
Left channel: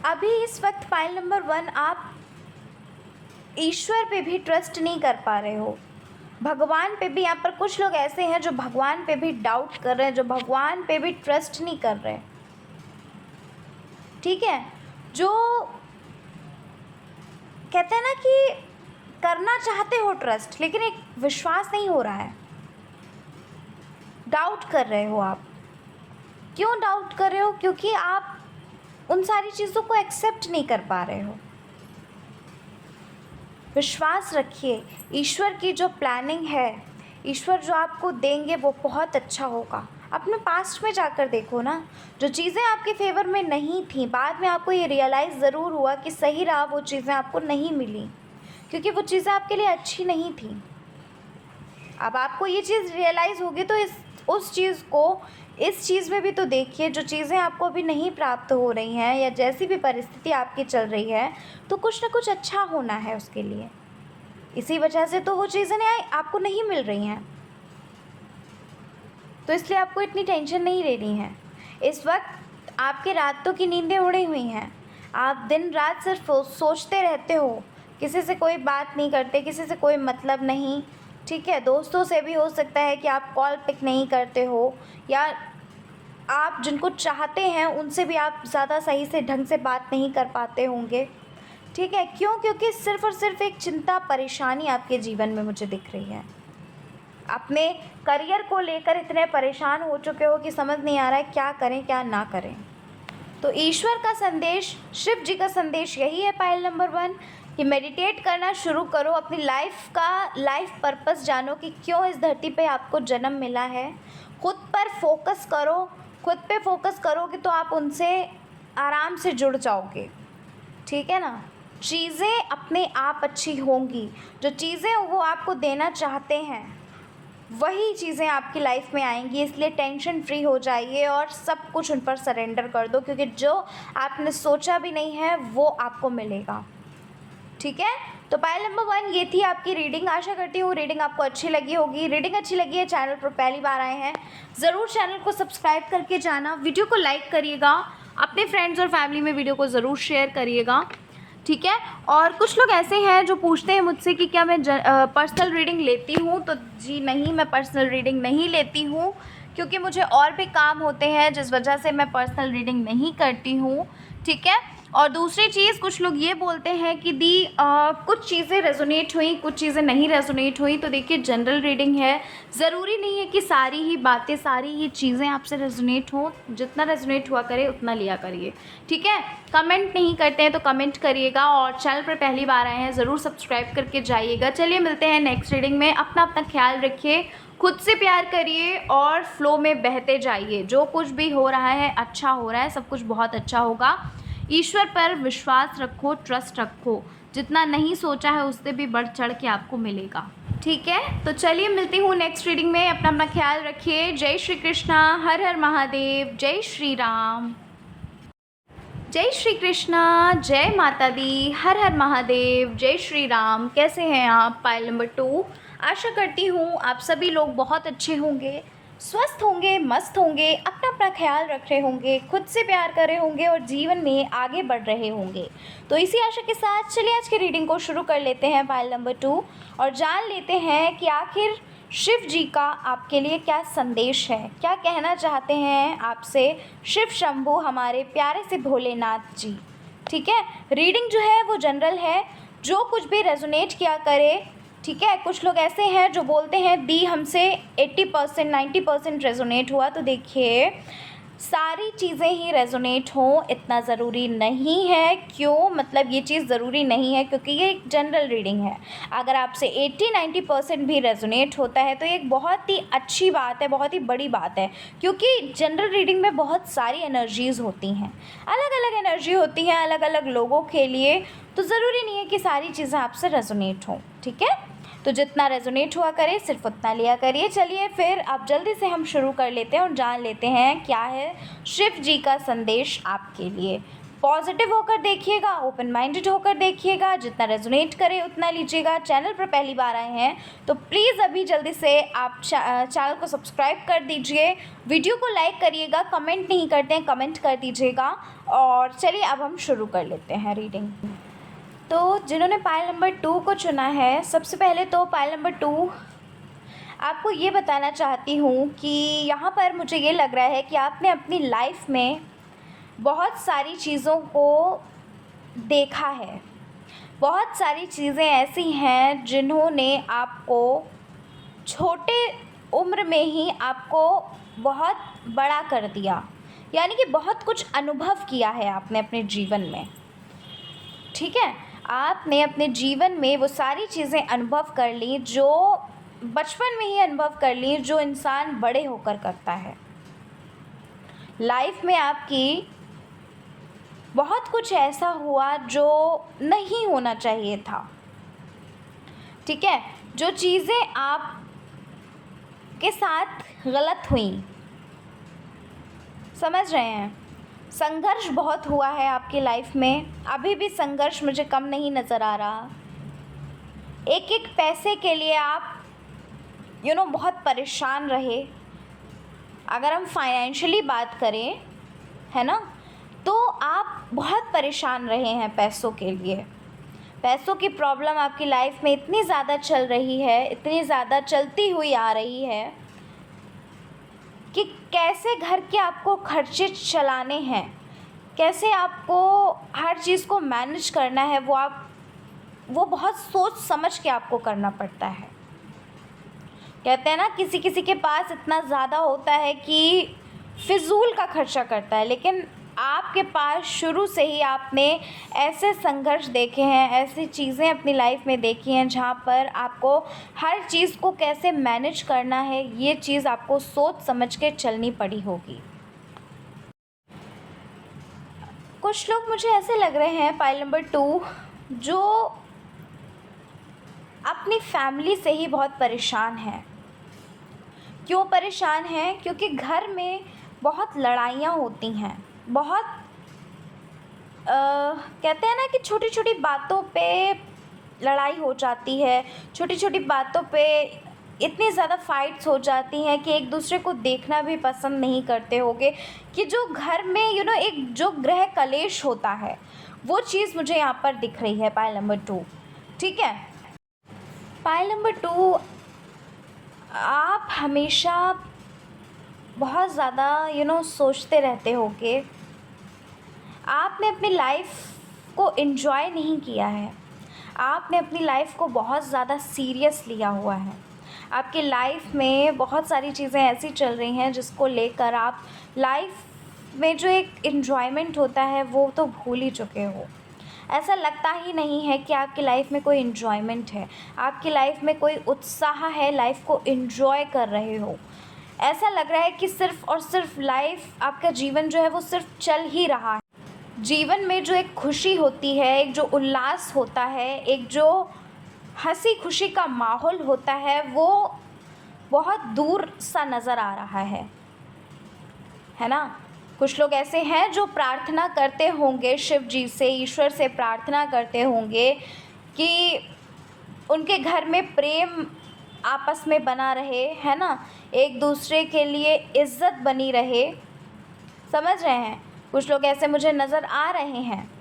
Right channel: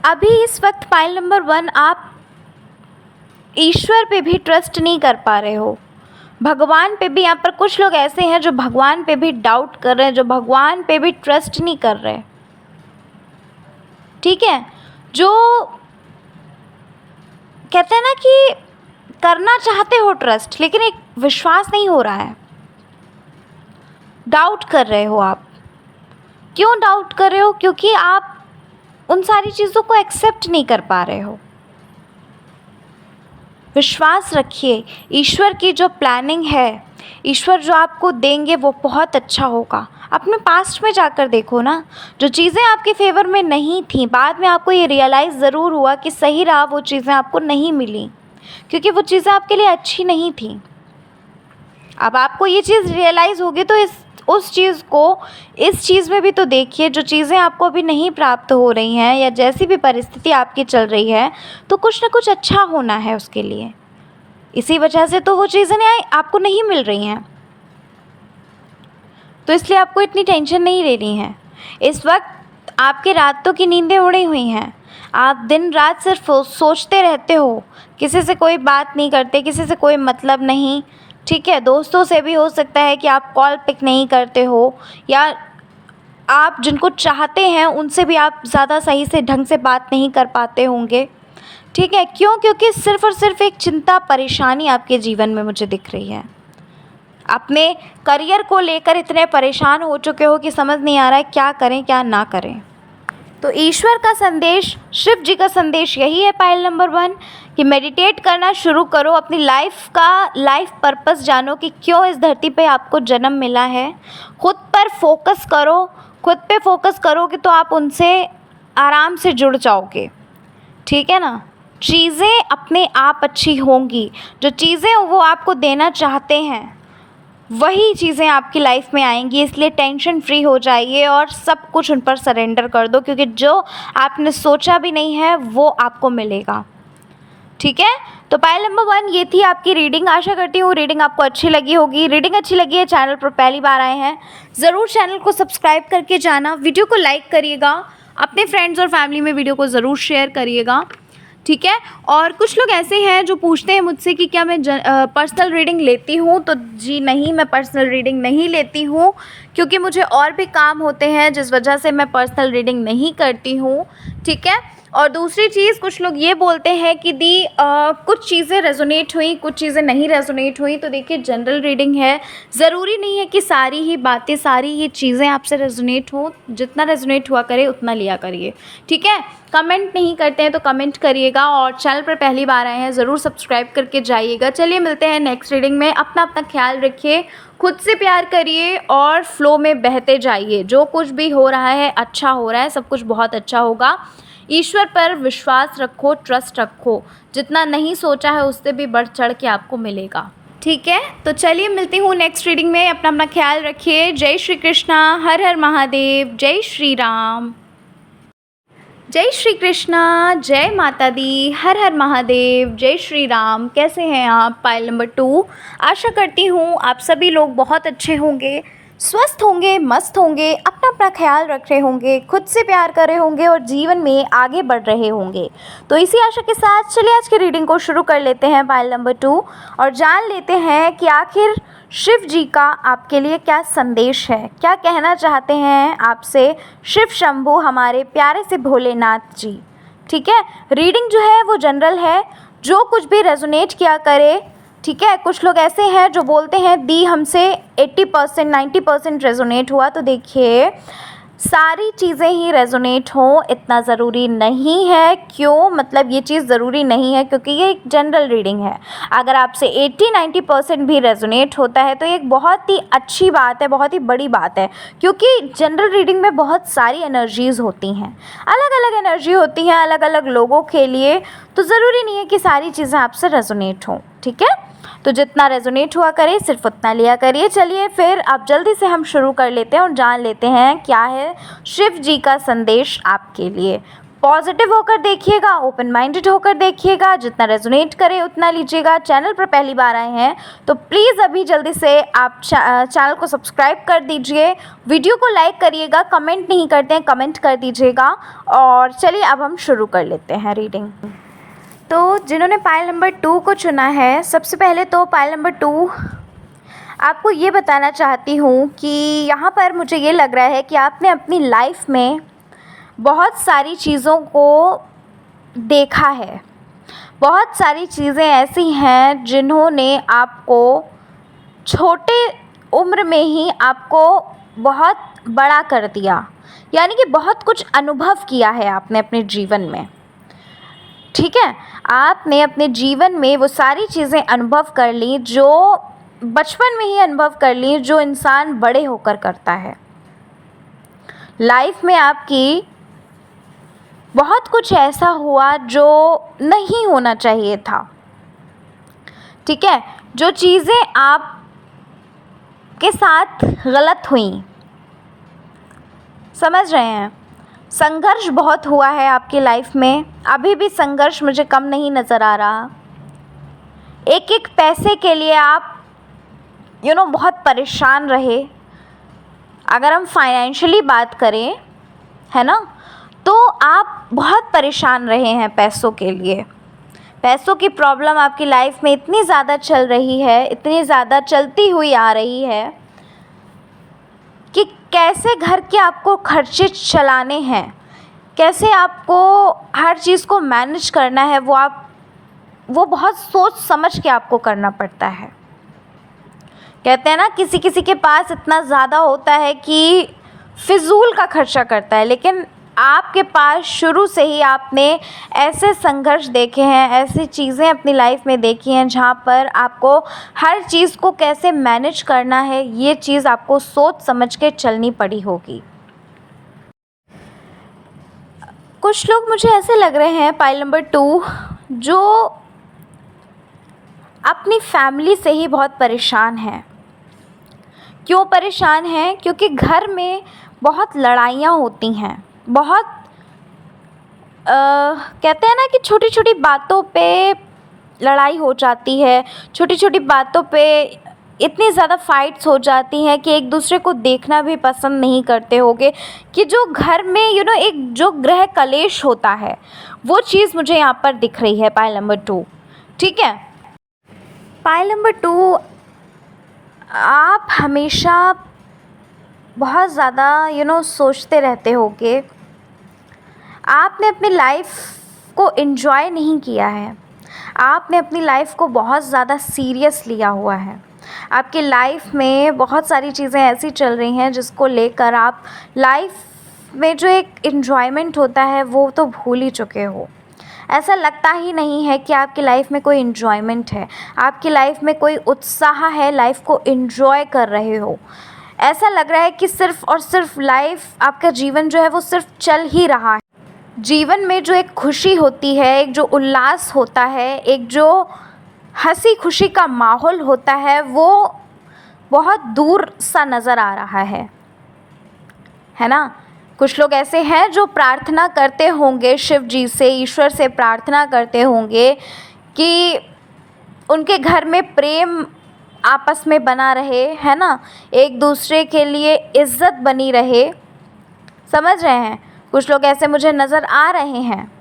अभी इस वक्त पाइल नंबर 1, आप ईश्वर पे भी ट्रस्ट नहीं कर पा रहे हो, भगवान पे भी। यहाँ पर कुछ लोग ऐसे हैं जो भगवान पे भी डाउट कर रहे हैं, जो भगवान पे भी ट्रस्ट नहीं कर रहे। ठीक है, जो कहते हैं ना कि करना चाहते हो ट्रस्ट, लेकिन एक विश्वास नहीं हो रहा है, डाउट कर रहे हो आप। क्यों डाउट कर रहे हो? क्योंकि आप उन सारी चीज़ों को एक्सेप्ट नहीं कर पा रहे हो। विश्वास रखिए, ईश्वर की जो प्लानिंग है, ईश्वर जो आपको देंगे वो बहुत अच्छा होगा। अपने पास्ट में जाकर देखो ना, जो चीज़ें आपके फेवर में नहीं थी, बाद में आपको ये रियलाइज़ ज़रूर हुआ कि सही रहा, वो चीज़ें आपको नहीं मिली क्योंकि वो चीज़ें आपके लिए अच्छी नहीं थी। अब आपको ये चीज़ रियलाइज़ होगी तो उस चीज़ को इस चीज़ में भी तो देखिए। जो चीज़ें आपको अभी नहीं प्राप्त हो रही हैं या जैसी भी परिस्थिति आपकी चल रही है, तो कुछ ना कुछ अच्छा होना है उसके लिए। इसी वजह से तो वो चीज़ें आपको नहीं मिल रही हैं, तो इसलिए आपको इतनी टेंशन नहीं लेनी है। इस वक्त आपकी रातों की नींदें उड़ी हुई हैं, आप दिन रात सिर्फ सोचते रहते हो, किसी से कोई बात नहीं करते, किसी से कोई मतलब नहीं। ठीक है, दोस्तों से भी हो सकता है कि आप कॉल पिक नहीं करते हो, या आप जिनको चाहते हैं उनसे भी आप ज़्यादा सही से ढंग से बात नहीं कर पाते होंगे। ठीक है, क्यों? क्योंकि सिर्फ़ और सिर्फ एक चिंता, परेशानी आपके जीवन में मुझे दिख रही है। अपने करियर को लेकर इतने परेशान हो चुके हो कि समझ नहीं आ रहा है क्या करें क्या ना करें। तो ईश्वर का संदेश, शिव जी का संदेश यही है पायल नंबर 1 कि मेडिटेट करना शुरू करो, अपनी लाइफ पर्पस जानो कि क्यों इस धरती पे आपको जन्म मिला है। खुद पर फोकस करो, खुद पे फोकस करोगे तो आप उनसे आराम से जुड़ जाओगे, ठीक है ना। चीज़ें अपने आप अच्छी होंगी, जो चीज़ें वो आपको देना चाहते हैं वही चीज़ें आपकी लाइफ में आएंगी। इसलिए टेंशन फ्री हो जाइए और सब कुछ उन पर सरेंडर कर दो, क्योंकि जो आपने सोचा भी नहीं है वो आपको मिलेगा, ठीक है। तो पायल नंबर 1 ये थी आपकी रीडिंग। आशा करती हूँ रीडिंग आपको अच्छी लगी होगी। रीडिंग अच्छी लगी है, चैनल पर पहली बार आए हैं, ज़रूर चैनल को सब्सक्राइब करके जाना, वीडियो को लाइक करिएगा, अपने फ्रेंड्स और फैमिली में वीडियो को ज़रूर शेयर करिएगा, ठीक है। और कुछ लोग ऐसे हैं जो पूछते हैं मुझसे कि क्या मैं पर्सनल रीडिंग लेती हूँ, तो जी नहीं, मैं पर्सनल रीडिंग नहीं लेती हूँ, क्योंकि मुझे और भी काम होते हैं जिस वजह से मैं पर्सनल रीडिंग नहीं करती हूँ, ठीक है। और दूसरी चीज़, कुछ लोग ये बोलते हैं कि दी कुछ चीज़ें रेजोनेट हुई, कुछ चीज़ें नहीं रेजोनेट हुई। तो देखिए, जनरल रीडिंग है, ज़रूरी नहीं है कि सारी ही बातें, सारी ही चीज़ें आपसे रेजोनेट हो। जितना रेजोनेट हुआ करे उतना लिया करिए, ठीक है। कमेंट नहीं करते हैं तो कमेंट करिएगा, और चैनल पर पहली बार आए हैं ज़रूर सब्सक्राइब करके जाइएगा। चलिए मिलते हैं नेक्स्ट रीडिंग में। अपना ख्याल रखिए, खुद से प्यार करिए और फ्लो में बहते जाइए। जो कुछ भी हो रहा है अच्छा हो रहा है, सब कुछ बहुत अच्छा होगा। ईश्वर पर विश्वास रखो, ट्रस्ट रखो, जितना नहीं सोचा है उससे भी बढ़ चढ़ के आपको मिलेगा, ठीक है। तो चलिए मिलती हूँ नेक्स्ट रीडिंग में। अपना ख्याल रखिए। जय श्री कृष्णा, हर हर महादेव, जय श्री राम। जय श्री कृष्णा, जय माता दी, हर हर महादेव, जय श्री राम। कैसे हैं आप पायल नंबर 2? आशा करती हूँ आप सभी लोग बहुत अच्छे होंगे, स्वस्थ होंगे, मस्त होंगे, अपना ख्याल रख रहे होंगे, खुद से प्यार कर रहे होंगे और जीवन में आगे बढ़ रहे होंगे। तो इसी आशा के साथ चलिए आज की रीडिंग को शुरू कर लेते हैं पायल नंबर 2, और जान लेते हैं कि आखिर शिव जी का आपके लिए क्या संदेश है, क्या कहना चाहते हैं आपसे शिव शंभू, हमारे प्यारे से भोलेनाथ जी, ठीक है। रीडिंग जो है वो जनरल है, जो कुछ भी रेजोनेट किया करे, ठीक है। कुछ लोग ऐसे हैं जो बोलते हैं दी हमसे 80% 90% रेजोनेट हुआ, तो देखिए सारी चीज़ें ही रेजोनेट हों इतना ज़रूरी नहीं है। क्यों? मतलब ये चीज़ ज़रूरी नहीं है क्योंकि ये एक जनरल रीडिंग है। अगर आपसे 80-90% भी रेजोनेट होता है तो ये एक बहुत ही अच्छी बात है, बहुत ही बड़ी बात है, क्योंकि जनरल रीडिंग में बहुत सारी एनर्जीज़ होती हैं, अलग अलग एनर्जी होती हैं अलग अलग लोगों के लिए, तो ज़रूरी नहीं है कि सारी चीज़ें आपसे रेजोनेट हों, ठीक है। तो जितना रेजोनेट हुआ करे सिर्फ उतना लिया करिए। चलिए फिर अब जल्दी से हम शुरू कर लेते हैं और जान लेते हैं क्या है शिव जी का संदेश आपके लिए। पॉजिटिव होकर देखिएगा, ओपन माइंडेड होकर देखिएगा, जितना रेजोनेट करे उतना लीजिएगा। चैनल पर पहली बार आए हैं तो प्लीज़ अभी जल्दी से आप चैनल को सब्सक्राइब कर दीजिए, वीडियो को लाइक करिएगा, कमेंट नहीं करते हैं कमेंट कर दीजिएगा। और चलिए अब हम शुरू कर लेते हैं रीडिंग। तो जिन्होंने पायल नंबर 2 को चुना है, सबसे पहले तो पायल नंबर 2 आपको ये बताना चाहती हूँ कि यहाँ पर मुझे ये लग रहा है कि आपने अपनी लाइफ में बहुत सारी चीज़ों को देखा है, बहुत सारी चीज़ें ऐसी हैं जिन्होंने आपको छोटे उम्र में ही आपको बहुत बड़ा कर दिया, यानी कि बहुत कुछ अनुभव किया है आपने अपने जीवन में, ठीक है। आपने अपने जीवन में वो सारी चीज़ें अनुभव कर ली जो बचपन में ही अनुभव कर ली, जो इंसान बड़े होकर करता है। लाइफ में आपकी बहुत कुछ ऐसा हुआ जो नहीं होना चाहिए था, ठीक है। जो चीज़ें आप के साथ गलत हुई, समझ रहे हैं। संघर्ष बहुत हुआ है आपकी लाइफ में, अभी भी संघर्ष मुझे कम नहीं नज़र आ रहा। एक एक पैसे के लिए आप बहुत परेशान रहे। अगर हम फाइनेंशियली बात करें, है ना, तो आप बहुत परेशान रहे हैं पैसों के लिए। पैसों की प्रॉब्लम आपकी लाइफ में इतनी ज़्यादा चल रही है, इतनी ज़्यादा चलती हुई आ रही है कि कैसे घर के आपको खर्चे चलाने हैं, कैसे आपको हर चीज़ को मैनेज करना है, वो बहुत सोच समझ के आपको करना पड़ता है। कहते हैं ना, किसी किसी के पास इतना ज़्यादा होता है कि फिजूल का खर्चा करता है, लेकिन आपके पास शुरू से ही आपने ऐसे संघर्ष देखे हैं, ऐसी चीज़ें अपनी लाइफ में देखी हैं जहाँ पर आपको हर चीज़ को कैसे मैनेज करना है, ये चीज़ आपको सोच समझ के चलनी पड़ी होगी। कुछ लोग मुझे ऐसे लग रहे हैं, पाइल नंबर 2, जो अपनी फैमिली से ही बहुत परेशान हैं। क्यों परेशान हैं? क्योंकि घर में बहुत लड़ाइयाँ होती हैं, बहुत कहते हैं ना कि छोटी छोटी बातों पे लड़ाई हो जाती है, छोटी छोटी बातों पे इतनी ज़्यादा फाइट्स हो जाती हैं कि एक दूसरे को देखना भी पसंद नहीं करते होगे, कि जो घर में एक जो गृह कलेश होता है, वो चीज़ मुझे यहाँ पर दिख रही है पाइल नंबर 2। ठीक है, पाइल नंबर 2, आप हमेशा बहुत ज़्यादा सोचते रहते होगे। आपने अपनी लाइफ को एंजॉय नहीं किया है, आपने अपनी लाइफ को बहुत ज़्यादा सीरियस लिया हुआ है। आपकी लाइफ में बहुत सारी चीज़ें ऐसी चल रही हैं जिसको लेकर आप लाइफ में जो एक एन्जॉयमेंट होता है वो तो भूल ही चुके हो। ऐसा लगता ही नहीं है कि आपकी लाइफ में कोई एन्जॉयमेंट है, आपकी लाइफ में कोई उत्साह है, लाइफ को एन्जॉय कर रहे हो। ऐसा लग रहा है कि सिर्फ़ और सिर्फ लाइफ, आपका जीवन जो है वो सिर्फ चल ही रहा है। जीवन में जो एक खुशी होती है, एक जो उल्लास होता है, एक जो हंसी खुशी का माहौल होता है, वो बहुत दूर सा नज़र आ रहा है ना। कुछ लोग ऐसे हैं जो प्रार्थना करते होंगे शिव जी से, ईश्वर से प्रार्थना करते होंगे कि उनके घर में प्रेम आपस में बना रहे, है ना, एक दूसरे के लिए इज़्ज़त बनी रहे। समझ रहे हैं? कुछ लोग ऐसे मुझे नज़र आ रहे हैं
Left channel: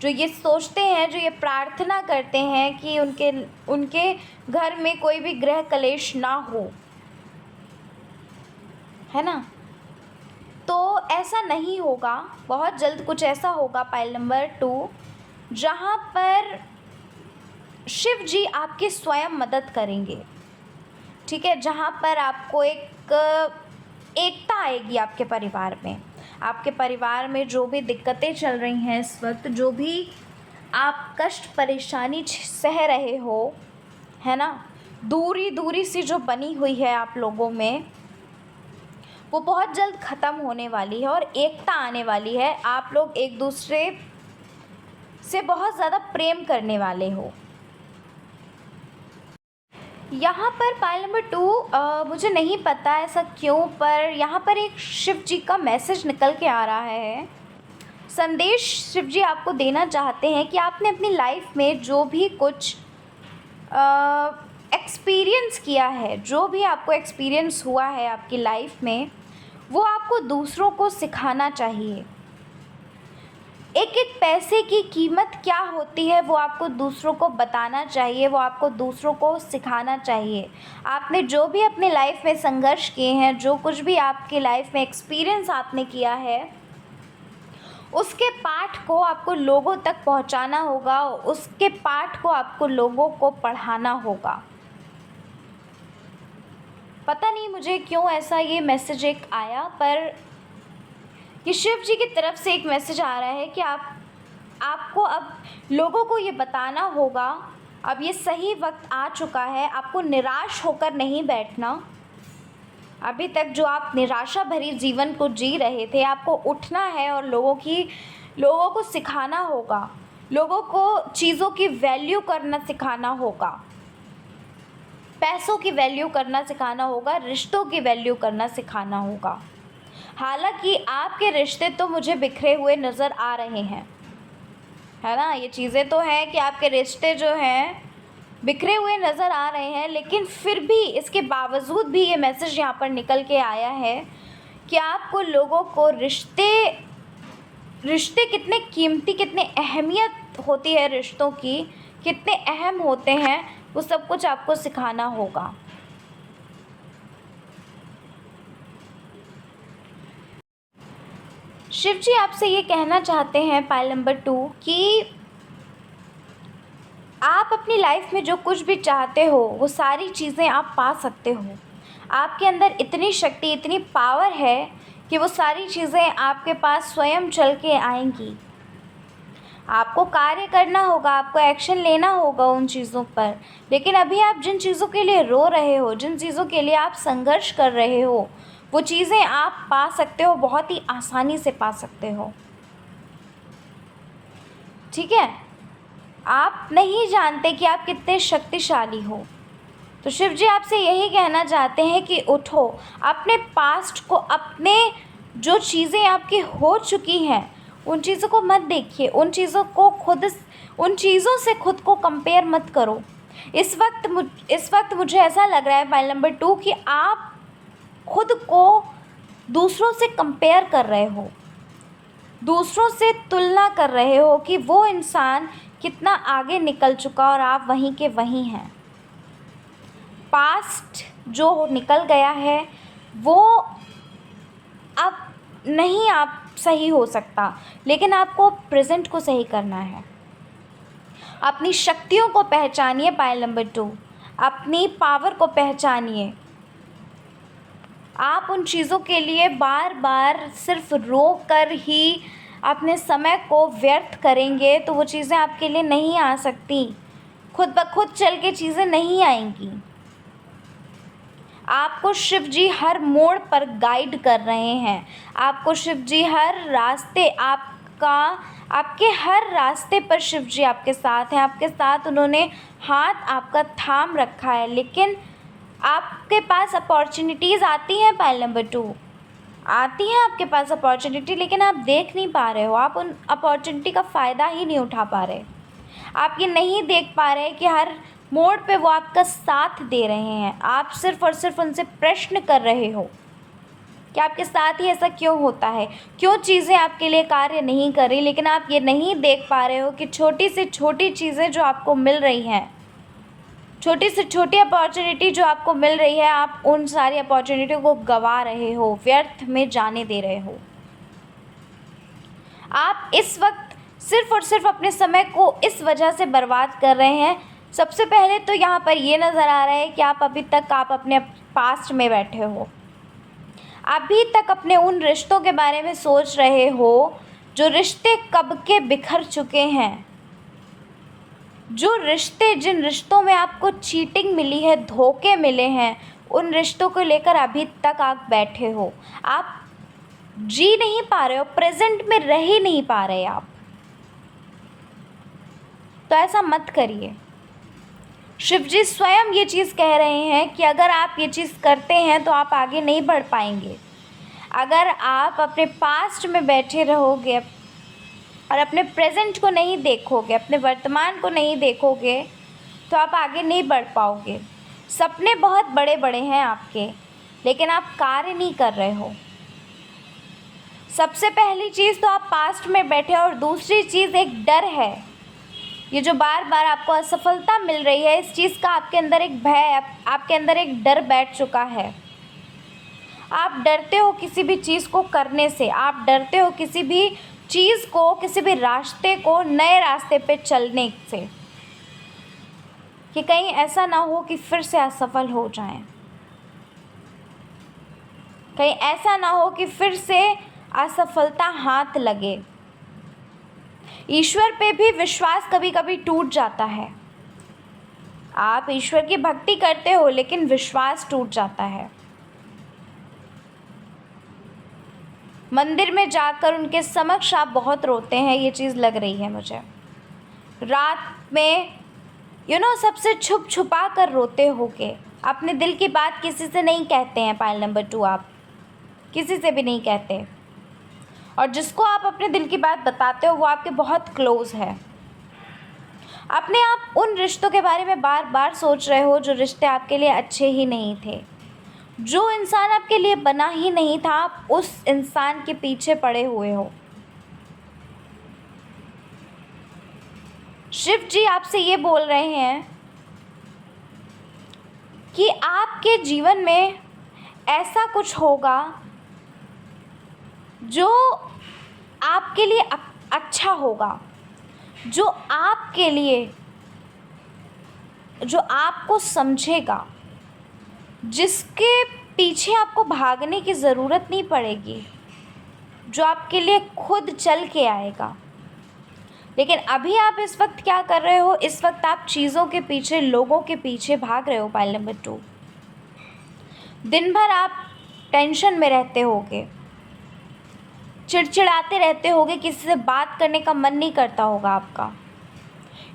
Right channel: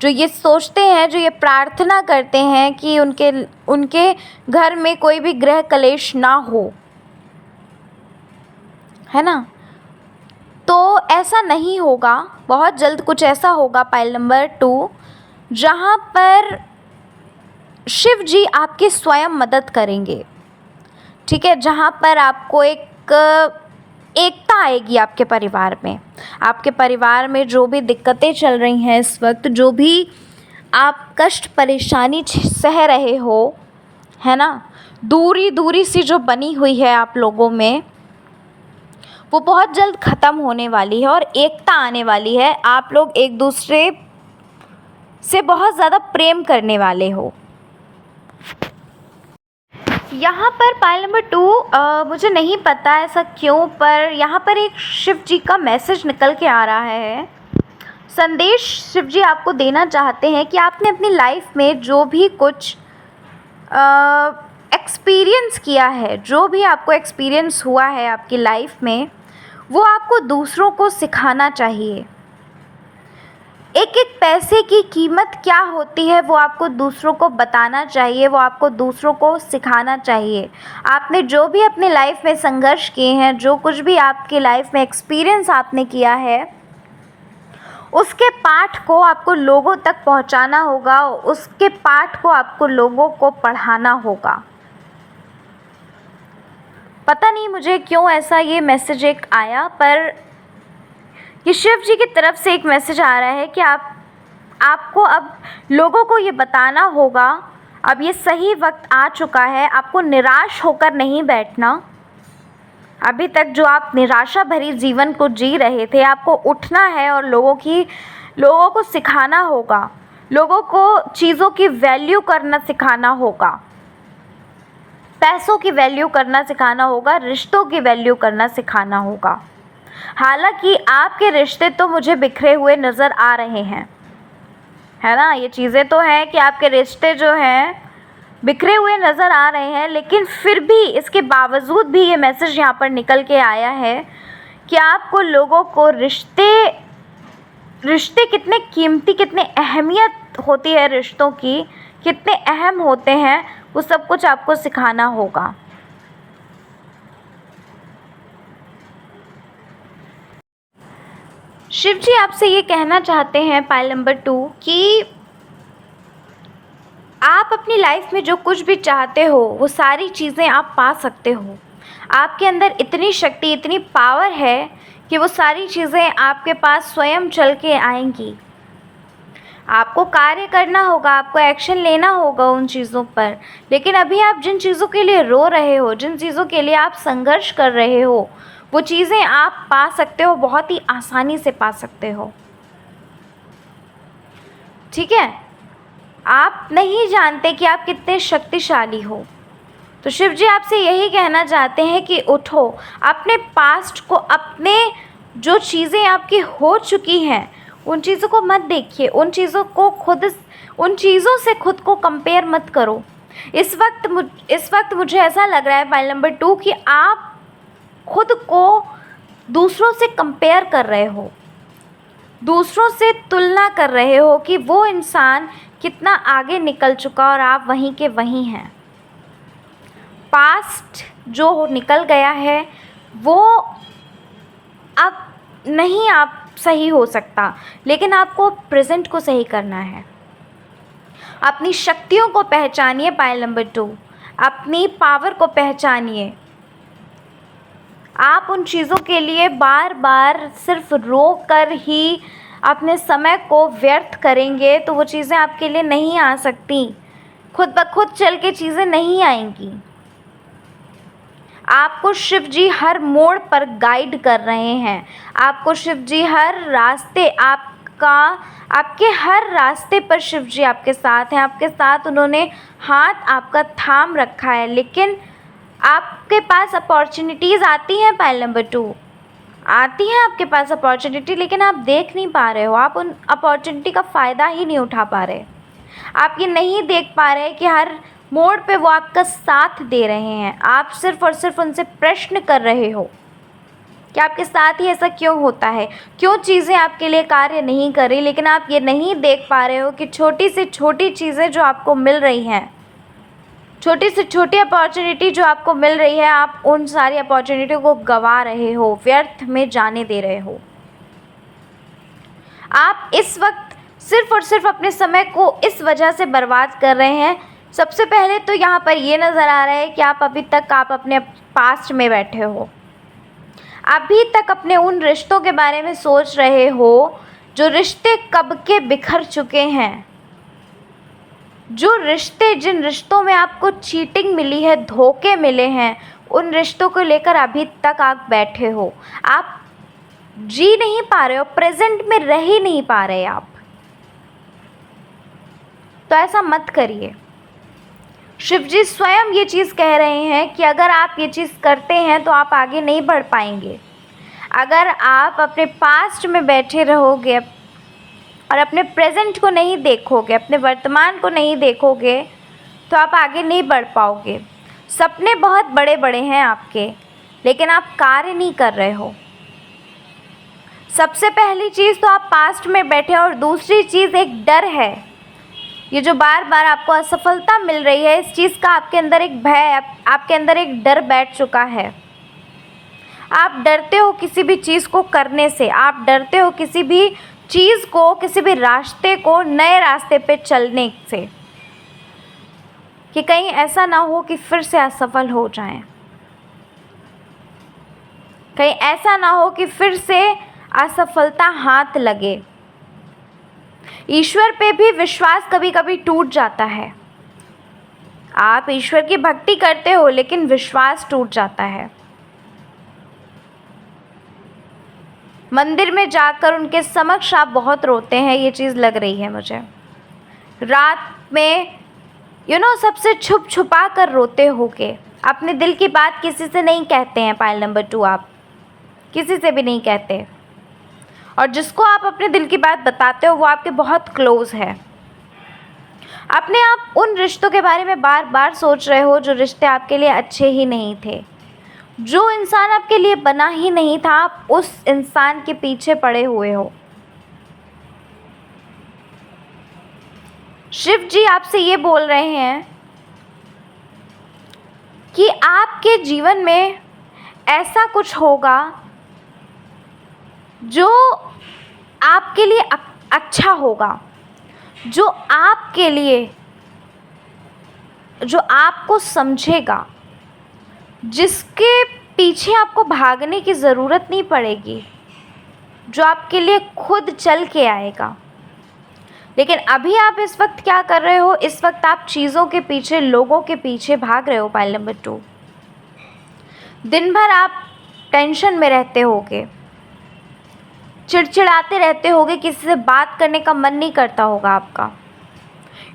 जो ये सोचते हैं, जो ये प्रार्थना करते हैं कि उनके घर में कोई भी गृह कलेश ना हो, है ना। तो ऐसा नहीं होगा, बहुत जल्द कुछ ऐसा होगा पाइल नंबर 2, जहाँ पर शिव जी आपकी स्वयं मदद करेंगे। ठीक है, जहाँ पर आपको एक एकता आएगी आपके परिवार में। आपके परिवार में जो भी दिक्कतें चल रही हैं इस वक्त, जो भी आप कष्ट परेशानी सह रहे हो, है ना, दूरी सी जो बनी हुई है आप लोगों में, वो बहुत जल्द ख़त्म होने वाली है और एकता आने वाली है। आप लोग एक दूसरे से बहुत ज़्यादा प्रेम करने वाले हो। यहाँ पर पाइल नंबर 2, मुझे नहीं पता ऐसा क्यों, पर यहाँ पर एक शिव जी का मैसेज निकल के आ रहा है। संदेश शिव जी आपको देना चाहते हैं कि आपने अपनी लाइफ में जो भी कुछ एक्सपीरियंस किया है, जो भी आपको एक्सपीरियंस हुआ है आपकी लाइफ में, वो आपको दूसरों को सिखाना चाहिए। एक एक पैसे की कीमत क्या होती है वो आपको दूसरों को बताना चाहिए, वो आपको दूसरों को सिखाना चाहिए। आपने जो भी अपनी लाइफ में संघर्ष किए हैं, जो कुछ भी आपकी लाइफ में एक्सपीरियंस आपने किया है, उसके पाठ को आपको लोगों तक पहुंचाना होगा, उसके पाठ को आपको लोगों को पढ़ाना होगा। पता नहीं मुझे क्यों ऐसा ये मैसेज एक आया, पर ये शिव जी की तरफ से एक मैसेज आ रहा है कि आपको अब लोगों को ये बताना होगा, अब ये सही वक्त आ चुका है, आपको निराश होकर नहीं बैठना। अभी तक जो आप निराशा भरी जीवन को जी रहे थे, आपको उठना है और लोगों को सिखाना होगा, लोगों को चीज़ों की वैल्यू करना सिखाना होगा, पैसों की वैल्यू करना सिखाना होगा, रिश्तों की वैल्यू करना सिखाना होगा। हालांकि आपके रिश्ते तो मुझे बिखरे हुए नज़र आ रहे हैं, है ना, ये चीज़ें तो हैं कि आपके रिश्ते जो हैं बिखरे हुए नज़र आ रहे हैं, लेकिन फिर भी इसके बावजूद भी ये मैसेज यहाँ पर निकल के आया है कि आपको लोगों को रिश्ते कितने कीमती, कितने अहमियत होती है रिश्तों की, कितने अहम होते हैं, वो सब कुछ आपको सिखाना होगा। शिव जी आपसे ये कहना चाहते हैं पाइल नंबर 2 कि आप अपनी लाइफ में जो कुछ भी चाहते हो वो सारी चीज़ें आप पा सकते हो। आपके अंदर इतनी शक्ति, इतनी पावर है कि वो सारी चीज़ें आपके पास स्वयं चल के आएंगी। आपको कार्य करना होगा, आपको एक्शन लेना होगा उन चीज़ों पर। लेकिन अभी आप जिन चीज़ों के लिए रो रहे हो, जिन चीज़ों के लिए आप संघर्ष कर रहे हो, वो चीज़ें आप पा सकते हो, बहुत ही आसानी से पा सकते हो। ठीक है, आप नहीं जानते कि आप कितने शक्तिशाली हो। तो शिव जी आपसे यही कहना चाहते हैं कि उठो, अपने पास्ट को, अपने जो चीज़ें आपकी हो चुकी हैं उन चीज़ों को मत देखिए, उन चीज़ों से खुद को कंपेयर मत करो। इस वक्त मुझे ऐसा लग रहा है फाइल नंबर 2 कि आप खुद को दूसरों से कंपेयर कर रहे हो, दूसरों से तुलना कर रहे हो कि वो इंसान कितना आगे निकल चुका और आप वहीं के वहीं हैं। पास्ट जो निकल गया है वो अब नहीं आप सही हो सकता, लेकिन आपको प्रेजेंट को सही करना है। अपनी शक्तियों को पहचानिए पायल नंबर 2, अपनी पावर को पहचानिए। आप उन चीज़ों के लिए बार बार सिर्फ रो कर ही अपने समय को व्यर्थ करेंगे तो वो चीज़ें आपके लिए नहीं आ सकती, खुद ब खुद चल के चीज़ें नहीं आएंगी। आपको शिव जी हर मोड़ पर गाइड कर रहे हैं, आपको शिव जी हर रास्ते आपके हर रास्ते पर शिव जी आपके साथ हैं, आपके साथ उन्होंने हाथ आपका थाम रखा है। लेकिन आपके पास अपॉर्चुनिटीज़ आती हैं, पायल नंबर 2 आती हैं आपके पास अपॉर्चुनिटी, लेकिन आप देख नहीं पा रहे हो, आप उन अपॉर्चुनिटी का फ़ायदा ही नहीं उठा पा रहे। आप ये नहीं देख पा रहे कि हर मोड़ पे वो आपका साथ दे रहे हैं। आप सिर्फ़ और सिर्फ उनसे प्रश्न कर रहे हो कि आपके साथ ही ऐसा क्यों होता है, क्यों चीज़ें आपके लिए कार्य नहीं कर रही। लेकिन आप ये नहीं देख पा रहे हो कि छोटी से छोटी चीज़ें जो आपको मिल रही हैं, छोटी से छोटी अपॉर्चुनिटी जो आपको मिल रही है, आप उन सारी अपॉर्चुनिटी को गंवा रहे हो, व्यर्थ में जाने दे रहे हो। आप इस वक्त सिर्फ़ और सिर्फ अपने समय को इस वजह से बर्बाद कर रहे हैं। सबसे पहले तो यहाँ पर ये नज़र आ रहा है कि आप अभी तक अपने पास्ट में बैठे हो, अभी तक अपने उन रिश्तों के बारे में सोच रहे हो जो रिश्ते कब के बिखर चुके हैं, जिन रिश्तों में आपको चीटिंग मिली है, धोखे मिले हैं, उन रिश्तों को लेकर अभी तक आप बैठे हो। आप जी नहीं पा रहे हो, प्रेजेंट में रह ही नहीं पा रहे आप। तो ऐसा मत करिए। शिव जी स्वयं ये चीज़ कह रहे हैं कि अगर आप ये चीज़ करते हैं तो आप आगे नहीं बढ़ पाएंगे। अगर आप अपने पास्ट में बैठे रहोगे और अपने प्रेजेंट को नहीं देखोगे, अपने वर्तमान को नहीं देखोगे, तो आप आगे नहीं बढ़ पाओगे। सपने बहुत बड़े बड़े हैं आपके, लेकिन आप कार्य नहीं कर रहे हो। सबसे पहली चीज़ तो आप पास्ट में बैठे हो, और दूसरी चीज़ एक डर है। ये जो बार बार आपको असफलता मिल रही है, इस चीज़ का आपके अंदर एक भय, आपके अंदर एक डर बैठ चुका है। आप डरते हो किसी भी चीज़ को करने से, आप डरते हो किसी भी चीज़ को, किसी भी रास्ते को, नए रास्ते पे चलने से, कि कहीं ऐसा ना हो कि फिर से असफल हो जाएं, कहीं ऐसा ना हो कि फिर से असफलता हाथ लगे। ईश्वर पे भी विश्वास कभी कभी टूट जाता है। आप ईश्वर की भक्ति करते हो, लेकिन विश्वास टूट जाता है। मंदिर में जाकर उनके समक्ष आप बहुत रोते हैं, ये चीज़ लग रही है मुझे। रात में सबसे छुप छुपा कर रोते होगे, अपने दिल की बात किसी से नहीं कहते हैं। पायल नंबर 2 आप किसी से भी नहीं कहते, और जिसको आप अपने दिल की बात बताते हो वो आपके बहुत क्लोज़ है। अपने आप उन रिश्तों के बारे में बार बार सोच रहे हो जो रिश्ते आपके लिए अच्छे ही नहीं थे, जो इंसान आपके लिए बना ही नहीं था, आप उस इंसान के पीछे पड़े हुए हो। शिव जी आपसे ये बोल रहे हैं कि आपके जीवन में ऐसा कुछ होगा जो आपके लिए अच्छा होगा, जो आपको समझेगा, जिसके पीछे आपको भागने की ज़रूरत नहीं पड़ेगी। जो आपके लिए खुद चल के आएगा। लेकिन अभी आप इस वक्त क्या कर रहे हो? इस वक्त आप चीज़ों के पीछे, लोगों के पीछे भाग रहे हो। पाइल नंबर 2, दिन भर आप टेंशन में रहते होगे, चिड़चिड़ाते रहते होगे, किसी से बात करने का मन नहीं करता होगा आपका।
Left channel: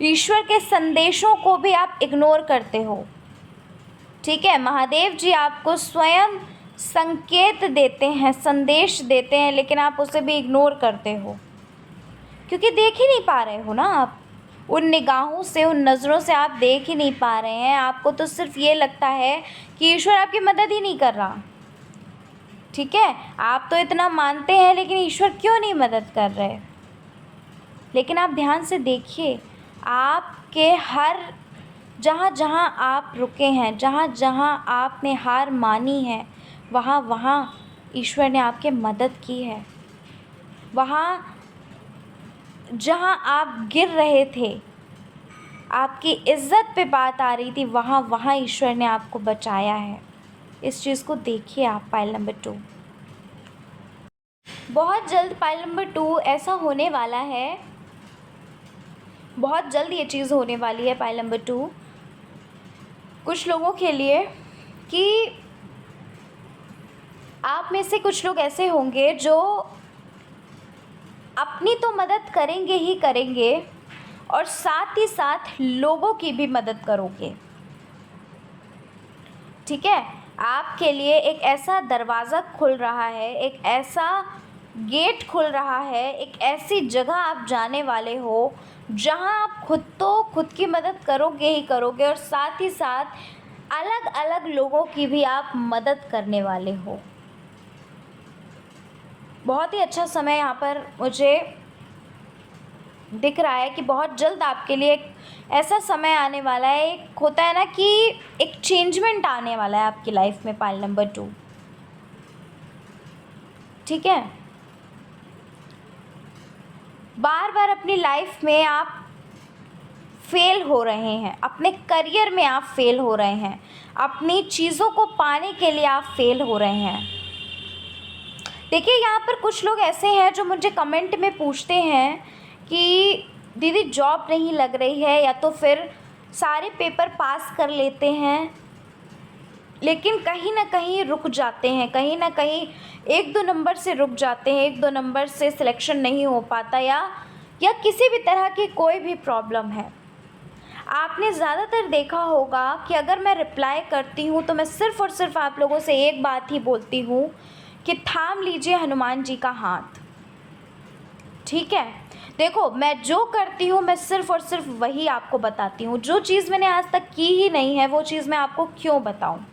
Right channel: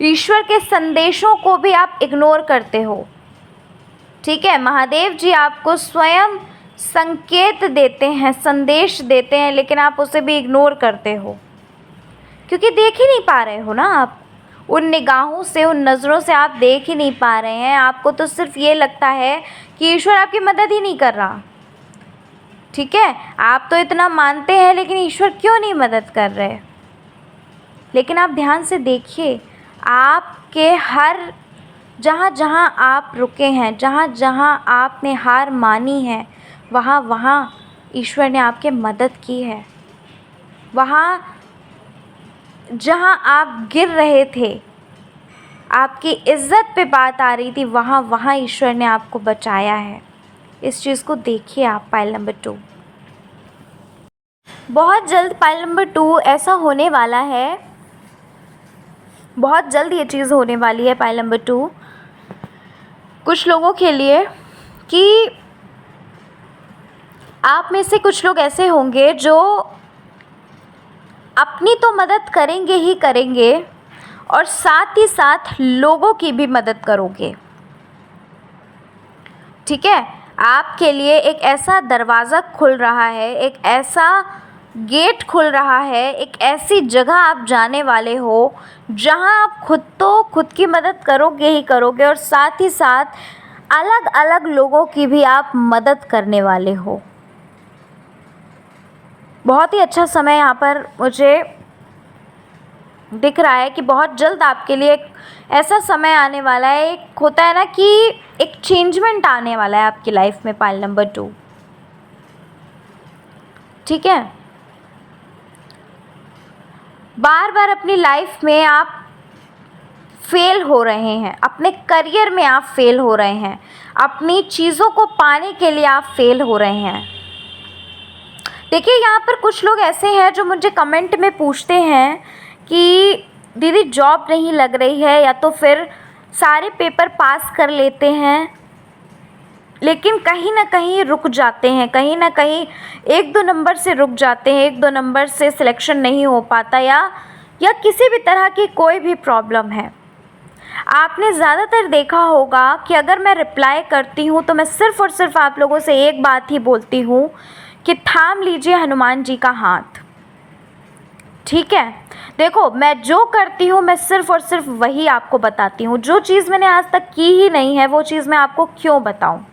ईश्वर के संदेशों को भी आप इग्नोर करते हो। ठीक है, महादेव जी आपको स्वयं संकेत देते हैं, संदेश देते हैं, लेकिन आप उसे भी इग्नोर करते हो क्योंकि देख ही नहीं पा रहे हो ना आप। उन निगाहों से, उन नज़रों से आप देख ही नहीं पा रहे हैं। आपको तो सिर्फ ये लगता है कि ईश्वर आपकी मदद ही नहीं कर रहा। ठीक है, आप तो इतना मानते हैं, लेकिन ईश्वर क्यों नहीं मदद कर रहे? लेकिन आप ध्यान से देखिए, आपके हर जहाँ जहाँ आप रुके हैं, जहाँ जहाँ आपने हार मानी है, वहाँ वहाँ ईश्वर ने आपके मदद की है। वहाँ जहाँ आप गिर रहे थे, आपकी इज़्ज़त पे बात आ रही थी, वहाँ वहाँ ईश्वर ने आपको बचाया है। इस चीज़ को देखिए आप। पाइल नंबर 2, बहुत जल्द पाइल नंबर 2 ऐसा होने वाला है, बहुत जल्द ये चीज़ होने वाली है पाइल नंबर 2 कुछ लोगों के लिए, कि आप में से कुछ लोग ऐसे होंगे जो अपनी तो मदद करेंगे ही करेंगे और साथ ही साथ लोगों की भी मदद करोगे। ठीक है, आपके लिए एक ऐसा दरवाज़ा खुल रहा है, एक ऐसा गेट खुल रहा है, एक ऐसी जगह आप जाने वाले हो जहां आप खुद की मदद करोगे ही करोगे और साथ ही साथ अलग अलग लोगों की भी आप मदद करने वाले हो। बहुत ही अच्छा समय यहाँ पर मुझे दिख रहा है कि बहुत जल्द आपके लिए एक ऐसा समय आने वाला है। एक होता है ना कि एक चेंजमेंट आने वाला है आपकी लाइफ में। पाइल नंबर 2, ठीक है, बार बार अपनी लाइफ में आप फेल हो रहे हैं, अपने करियर में आप फेल हो रहे हैं, अपनी चीज़ों को पाने के लिए आप फेल हो रहे हैं। देखिए, यहाँ पर कुछ लोग ऐसे हैं जो मुझे कमेंट में पूछते हैं कि दीदी जॉब नहीं लग रही है, या तो फिर सारे पेपर पास कर लेते हैं लेकिन कहीं ना कहीं रुक जाते हैं, कहीं ना कहीं 1-2 नंबर से रुक जाते हैं, 1-2 नंबर से सिलेक्शन नहीं हो पाता, या किसी भी तरह की कोई भी प्रॉब्लम है। आपने ज़्यादातर देखा होगा कि अगर मैं रिप्लाई करती हूँ तो मैं सिर्फ़ और सिर्फ आप लोगों से एक बात ही बोलती हूँ कि थाम लीजिए हनुमान जी का हाथ। ठीक है, देखो, मैं जो करती हूँ मैं सिर्फ़ और सिर्फ वही आपको बताती हूँ। जो चीज़ मैंने आज तक की ही नहीं है वो चीज़ मैं आपको क्यों बताऊँ?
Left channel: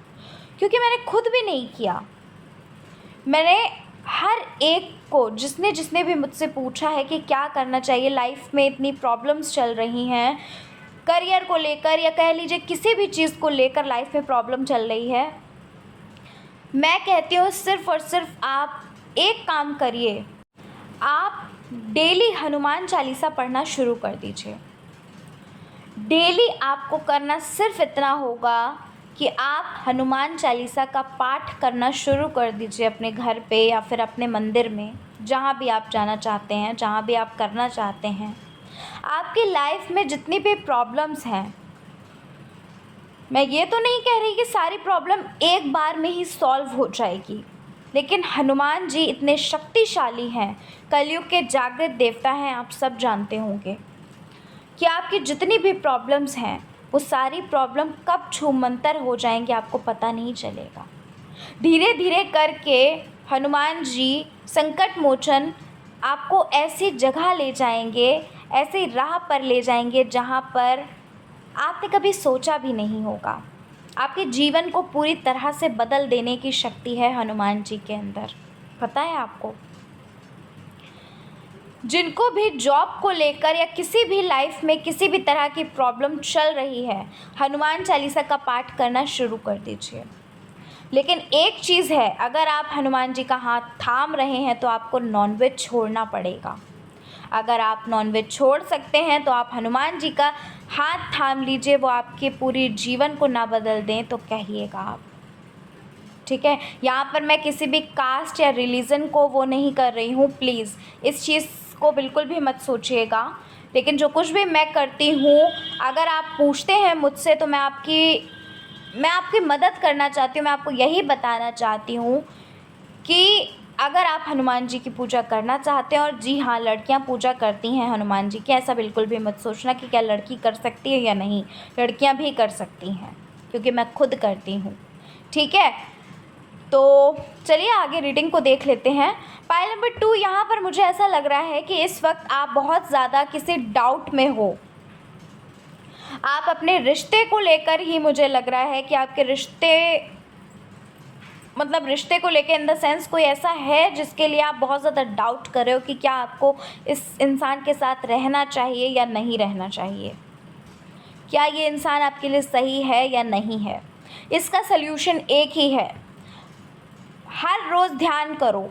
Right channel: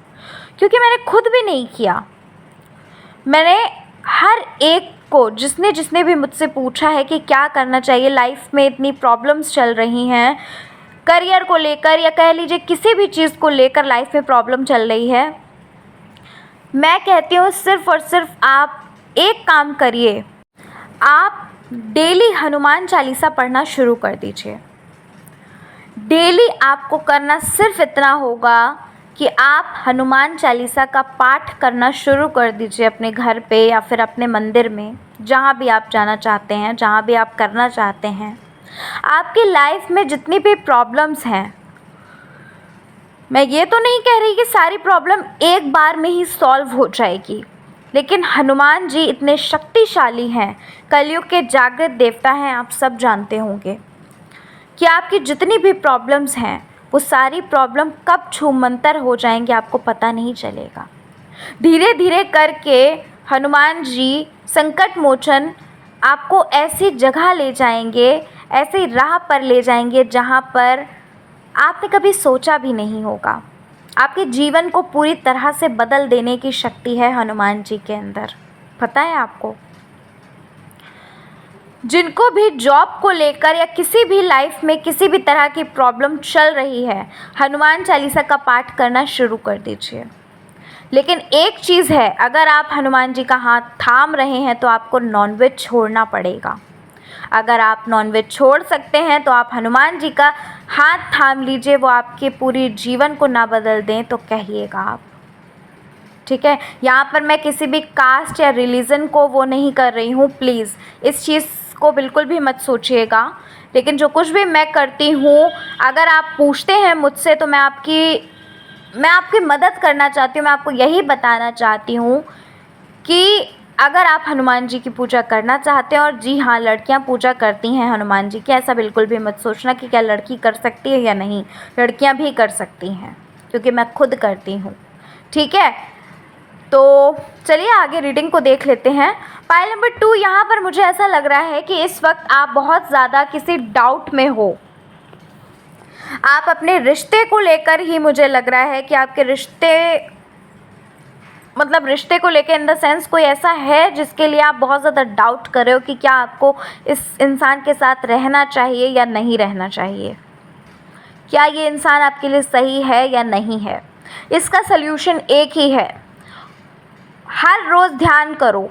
क्योंकि मैंने खुद भी नहीं किया। मैंने हर एक को, जिसने जिसने भी मुझसे पूछा है कि क्या करना चाहिए, लाइफ में इतनी प्रॉब्लम्स चल रही हैं, करियर को लेकर या कह लीजिए किसी भी चीज़ को लेकर लाइफ में प्रॉब्लम चल रही है, मैं कहती हूँ सिर्फ़ और सिर्फ आप एक काम करिए, आप डेली हनुमान चालीसा पढ़ना शुरू कर दीजिए। डेली आपको करना सिर्फ इतना होगा कि आप हनुमान चालीसा का पाठ करना शुरू कर दीजिए अपने घर पे या फिर अपने मंदिर में, जहाँ भी आप जाना चाहते हैं, जहाँ भी आप करना चाहते हैं। आपकी लाइफ में जितनी भी प्रॉब्लम्स हैं, मैं ये तो नहीं कह रही कि सारी प्रॉब्लम एक बार में ही सॉल्व हो जाएगी, लेकिन हनुमान जी इतने शक्तिशाली हैं, कलयुग के जागृत देवता हैं, आप सब जानते होंगे कि आपकी जितनी भी प्रॉब्लम्स हैं वो सारी प्रॉब्लम कब छूमंतर हो जाएंगी आपको पता नहीं चलेगा। धीरे धीरे करके हनुमान जी संकट मोचन आपको ऐसी जगह ले जाएंगे, ऐसी राह पर ले जाएंगे जहाँ पर आपने कभी सोचा भी नहीं होगा। आपके जीवन को पूरी तरह से बदल देने की शक्ति है हनुमान जी के अंदर, पता है आपको। जिनको भी जॉब को लेकर या किसी भी लाइफ में किसी भी तरह की प्रॉब्लम चल रही है, हनुमान चालीसा का पाठ करना शुरू कर दीजिए। लेकिन एक चीज़ है, अगर आप हनुमान जी का हाथ थाम रहे हैं तो आपको नॉनवेज छोड़ना पड़ेगा। अगर आप नॉनवेज छोड़ सकते हैं तो आप हनुमान जी का हाथ थाम लीजिए, वो आपके पूरे जीवन को ना बदल दें तो कहिएगा आप। ठीक है। यहाँ पर मैं किसी भी कास्ट या रिलीजन को वो नहीं कर रही हूँ, प्लीज़ इस चीज़ को बिल्कुल भी मत सोचिएगा। लेकिन जो कुछ भी मैं करती हूँ, अगर आप पूछते हैं मुझसे तो मैं आपकी मदद करना चाहती हूँ। मैं आपको यही बताना चाहती हूँ कि अगर आप हनुमान जी की पूजा करना चाहते हैं, और जी हाँ, लड़कियां पूजा करती हैं हनुमान जी की, ऐसा बिल्कुल भी मत सोचना कि क्या लड़की कर सकती है या नहीं, लड़कियां भी कर सकती हैं, क्योंकि मैं खुद करती हूँ। ठीक है, तो चलिए आगे रीडिंग को देख लेते हैं। पाइल नंबर 2, यहाँ पर मुझे ऐसा लग रहा है कि इस वक्त आप बहुत ज़्यादा किसी डाउट में हो। आप अपने रिश्ते को लेकर ही, मुझे लग रहा है कि आपके रिश्ते को लेकर, इन द सेंस कोई ऐसा है जिसके लिए आप बहुत ज़्यादा डाउट कर रहे हो कि क्या आपको इस इंसान के साथ रहना चाहिए या नहीं रहना चाहिए, क्या ये इंसान आपके लिए सही है या नहीं है। इसका सल्यूशन एक ही है, हर रोज़ ध्यान करो,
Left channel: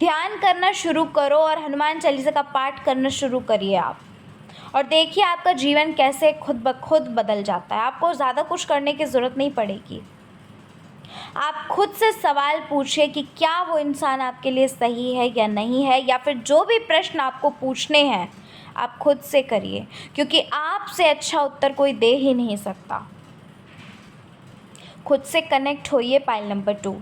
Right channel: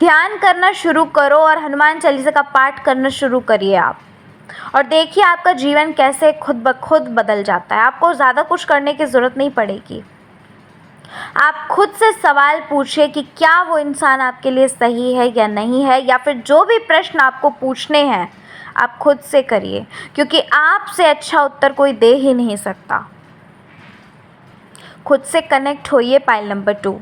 ध्यान करना शुरू करो और हनुमान चालीसा का पाठ करना शुरू करिए आप, और देखिए आपका जीवन कैसे खुद ब खुद बदल जाता है। आपको ज़्यादा कुछ करने की ज़रूरत नहीं पड़ेगी। आप खुद से सवाल पूछिए कि क्या वो इंसान आपके लिए सही है या नहीं है, या फिर जो भी प्रश्न आपको पूछने हैं आप खुद से करिए, क्योंकि आपसे अच्छा उत्तर कोई दे ही नहीं सकता। खुद से कनेक्ट होइए। पाइल नंबर 2,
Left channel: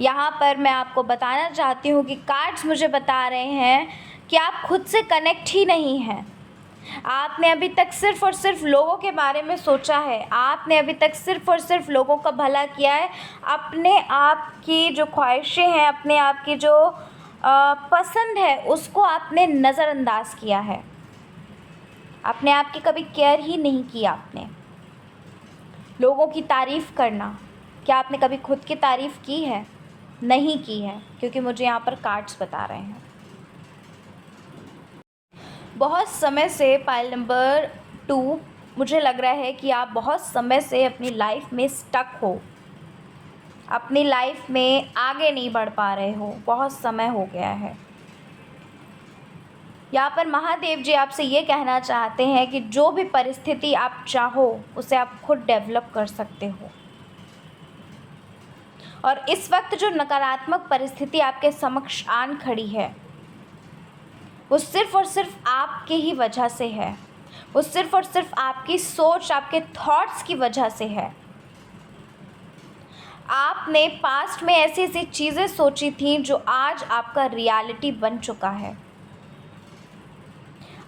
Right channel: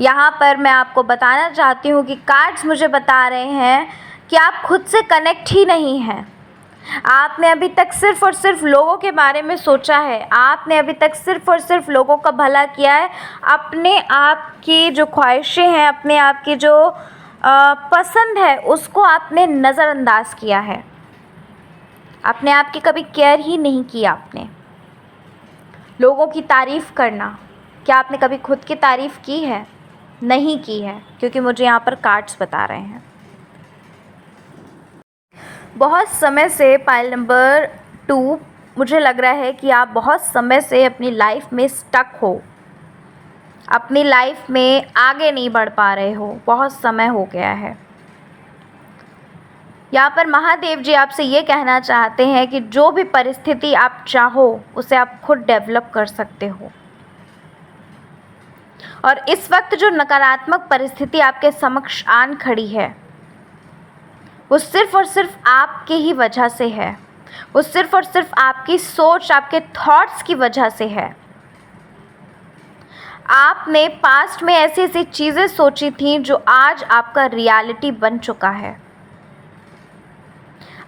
यहाँ पर मैं आपको बताना चाहती हूँ कि कार्ड्स मुझे बता रहे हैं कि आप खुद से कनेक्ट ही नहीं हैं। आपने अभी तक सिर्फ़ और सिर्फ लोगों के बारे में सोचा है, आपने अभी तक सिर्फ़ और सिर्फ लोगों का भला किया है। अपने आप की जो ख्वाहिशें हैं, अपने आप की जो पसंद है, उसको आपने नज़रअंदाज किया है। अपने आप की कभी केयर ही नहीं की आपने। लोगों की तारीफ़ करना, क्या आपने कभी खुद की तारीफ़ की है? नहीं की है, क्योंकि मुझे यहाँ पर कार्ड्स बता रहे हैं। बहुत समय से पाइल नंबर 2, मुझे लग रहा है कि आप बहुत समय से अपनी लाइफ में स्टक हो, अपनी लाइफ में आगे नहीं बढ़ पा रहे हो, बहुत समय हो गया है। यहाँ पर महादेव जी आपसे ये कहना चाहते हैं कि जो भी परिस्थिति आप चाहो उसे आप खुद डेवलप कर सकते हो, और इस वक्त जो नकारात्मक परिस्थिति आपके समक्ष आन खड़ी है वो सिर्फ़ और सिर्फ आपके ही वजह से है। वो सिर्फ़ और सिर्फ आपकी सोच, आपके थॉट्स की वजह से है। आपने पास्ट में ऐसी ऐसी चीज़ें सोची थी जो आज आपका रियलिटी बन चुका है।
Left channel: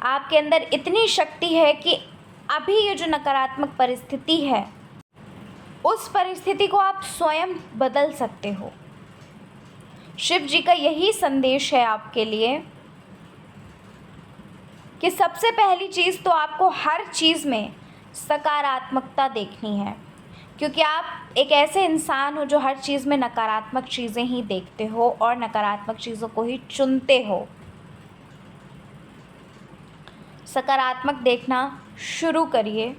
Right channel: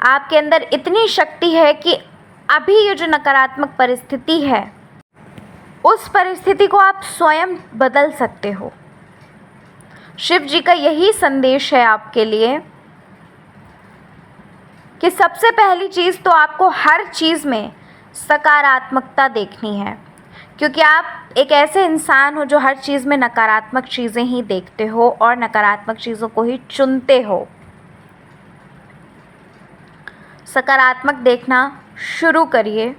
आपके अंदर इतनी शक्ति है कि अभी ये जो नकारात्मक परिस्थिति है, उस परिस्थिति को आप स्वयं बदल सकते हो। शिव जी का यही संदेश है आपके लिए कि सबसे पहली चीज़ तो आपको हर चीज़ में सकारात्मकता देखनी है, क्योंकि आप एक ऐसे इंसान हो जो हर चीज़ में नकारात्मक चीज़ें ही देखते हो और नकारात्मक चीज़ों को ही चुनते हो। सकारात्मक देखना शुरू करिए,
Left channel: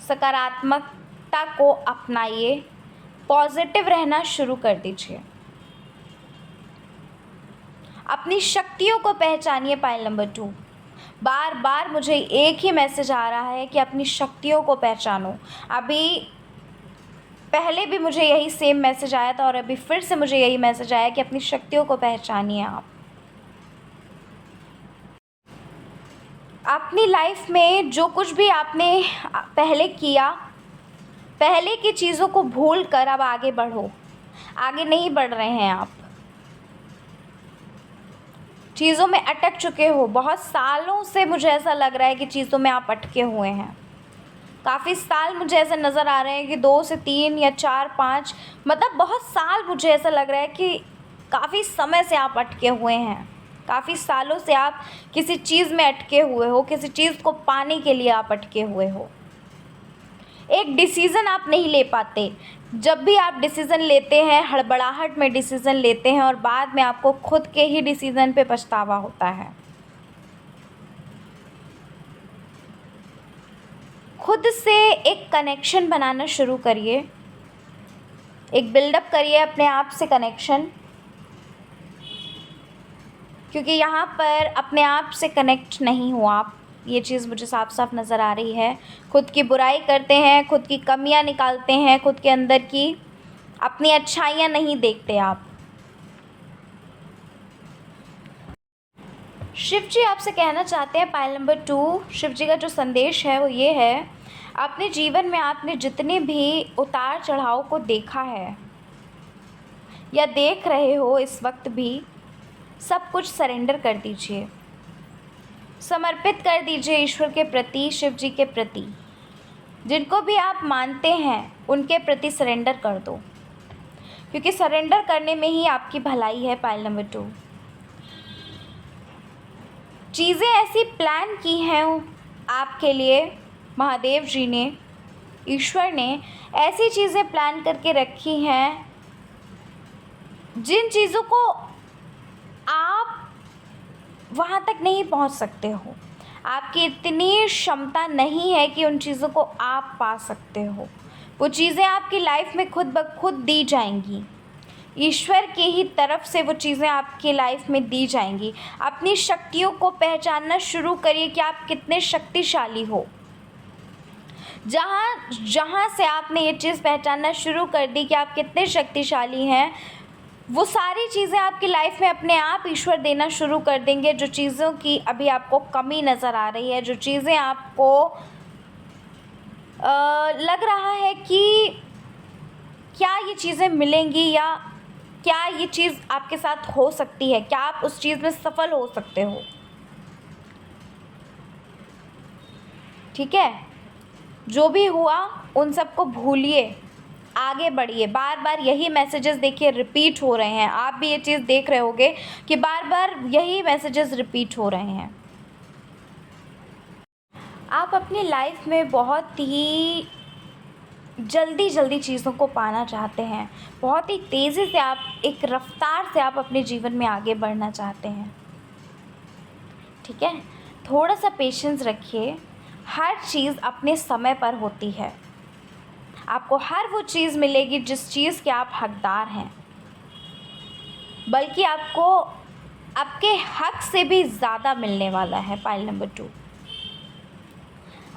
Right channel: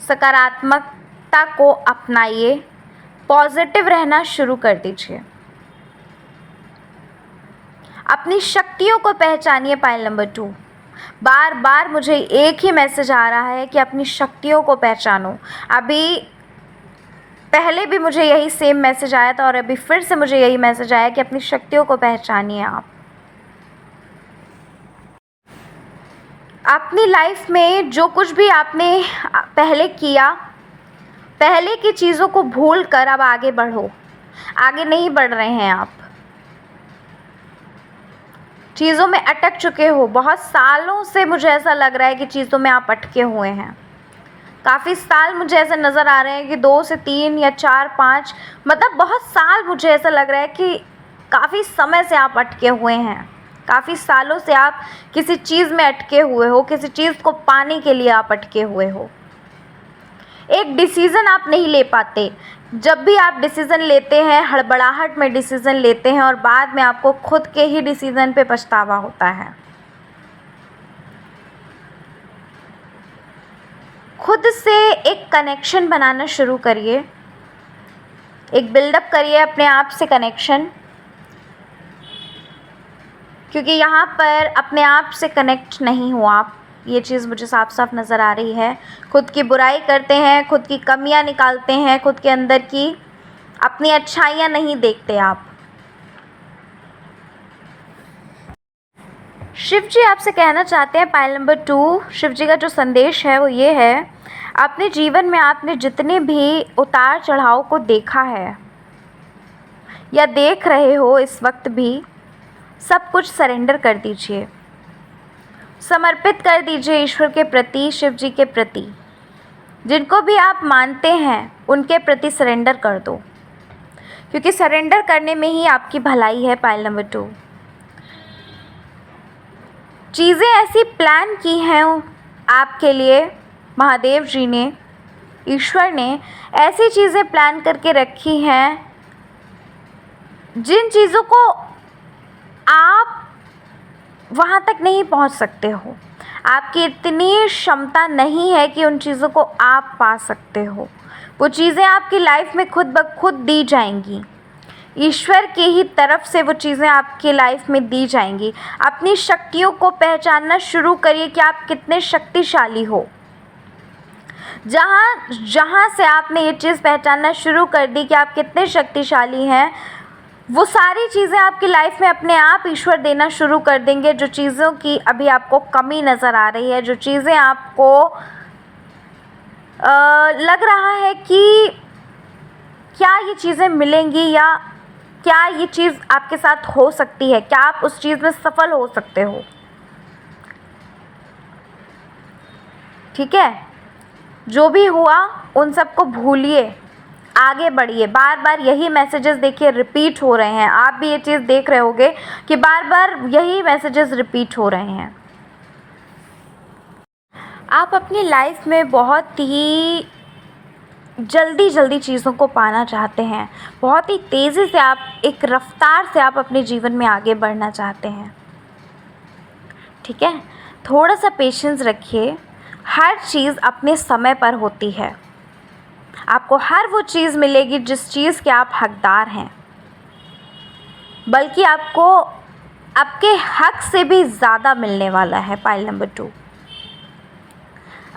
सकारात्मकता को अपनाइए, पॉजिटिव रहना शुरू कर दीजिए। अपनी शक्तियों को पहचानिए। पाइल नंबर 2, बार बार मुझे एक ही मैसेज आ रहा है कि अपनी शक्तियों को पहचानो। अभी पहले भी मुझे यही सेम मैसेज आया था और अभी फिर से मुझे यही मैसेज आया कि अपनी शक्तियों को पहचानिए। आप अपनी लाइफ में जो कुछ भी आपने पहले किया, पहले की चीज़ों को भूल कर अब आगे बढ़ो। आगे नहीं बढ़ रहे हैं आप, चीज़ों में अटक चुके हो। बहुत सालों से मुझे ऐसा लग रहा है कि चीज़ों में आप अटके हुए हैं। काफ़ी साल मुझे ऐसे नज़र आ रहे हैं कि 2 से 3 या 4 5, मतलब बहुत साल मुझे ऐसा लग रहा है कि काफ़ी समय से आप अटके हुए हैं। काफ़ी सालों से आप किसी चीज़ में अटके हुए हो, किसी चीज़ को पाने के लिए आप अटके हुए हो। एक डिसीज़न आप नहीं ले पाते। जब भी आप डिसीज़न लेते हैं, हड़बड़ाहट में डिसीज़न लेते हैं और बाद में आपको खुद के ही डिसीज़न पे पछतावा होता है। खुद से एक कनेक्शन बनाना शुरू करिए, एक बिल्डअप करिए अपने आप से कनेक्शन, क्योंकि यहाँ पर अपने आप से कनेक्ट नहीं हो आप। ये चीज़ मुझे साफ साफ नज़र आ रही है। खुद की बुराई करते हैं, खुद की कमियाँ निकालते हैं, खुद के अंदर की अपनी अच्छाइयाँ नहीं देखते आप। शिव जी आपसे कहना चाहते हैं पायल नंबर 2, शिव जी का जो संदेश है वो ये है, अपने जीवन में आपने जितने भी उतार चढ़ाव को देखा है या देख रहे हो इस वक्त भी, सब कुछ सरेंडर कर दीजिए, समर्पित कर दीजिए ईश्वर के प्रति, शिव जी के प्रति। जिनको भी आप मानते हैं उनके प्रति सरेंडर कर दो, क्योंकि सरेंडर करने में ही आपकी भलाई है। पायल नंबर 2, चीज़ें ऐसी प्लान की हैं आपके लिए, महादेव जी ने, ईश्वर ने ऐसी चीज़ें प्लान करके रखी हैं जिन चीज़ों को आप वहाँ तक नहीं पहुँच सकते हो। आपकी इतनी क्षमता नहीं है कि उन चीज़ों को आप पा सकते हो। वो चीज़ें आपकी लाइफ में खुद ब खुद दी जाएंगी, ईश्वर की ही तरफ से वो चीज़ें आपकी लाइफ में दी जाएंगी। अपनी शक्तियों को पहचानना शुरू करिए कि आप कितने शक्तिशाली हो। जहाँ से आपने ये चीज़ पहचानना शुरू कर दी कि आप कितने शक्तिशाली हैं, वो सारी चीज़ें आपकी लाइफ में अपने आप ईश्वर देना शुरू कर देंगे। जो चीज़ों की अभी आपको कमी नज़र आ रही है, जो चीज़ें आपको लग रहा है कि क्या ये चीज़ें मिलेंगी या क्या ये चीज़ आपके साथ हो सकती है, क्या आप उस चीज़ में सफल हो सकते हो। ठीक है, जो भी हुआ उन सबको भूलिए, आगे बढ़िए। बार बार यही मैसेजेस देखिए रिपीट हो रहे हैं, आप भी ये चीज़ देख रहे होगे कि बार बार यही मैसेजेस रिपीट हो रहे हैं। आप अपनी लाइफ में बहुत ही जल्दी चीज़ों को पाना चाहते हैं, बहुत ही तेज़ी से आप एक रफ्तार से आप अपने जीवन में आगे बढ़ना चाहते हैं। ठीक है, थोड़ा सा पेशेंस रखिए, हर चीज़ अपने समय पर होती है। आपको हर वो चीज़ मिलेगी जिस चीज़ के आप हकदार हैं, बल्कि आपको आपके हक से भी ज़्यादा मिलने वाला है। पाइल नंबर 2,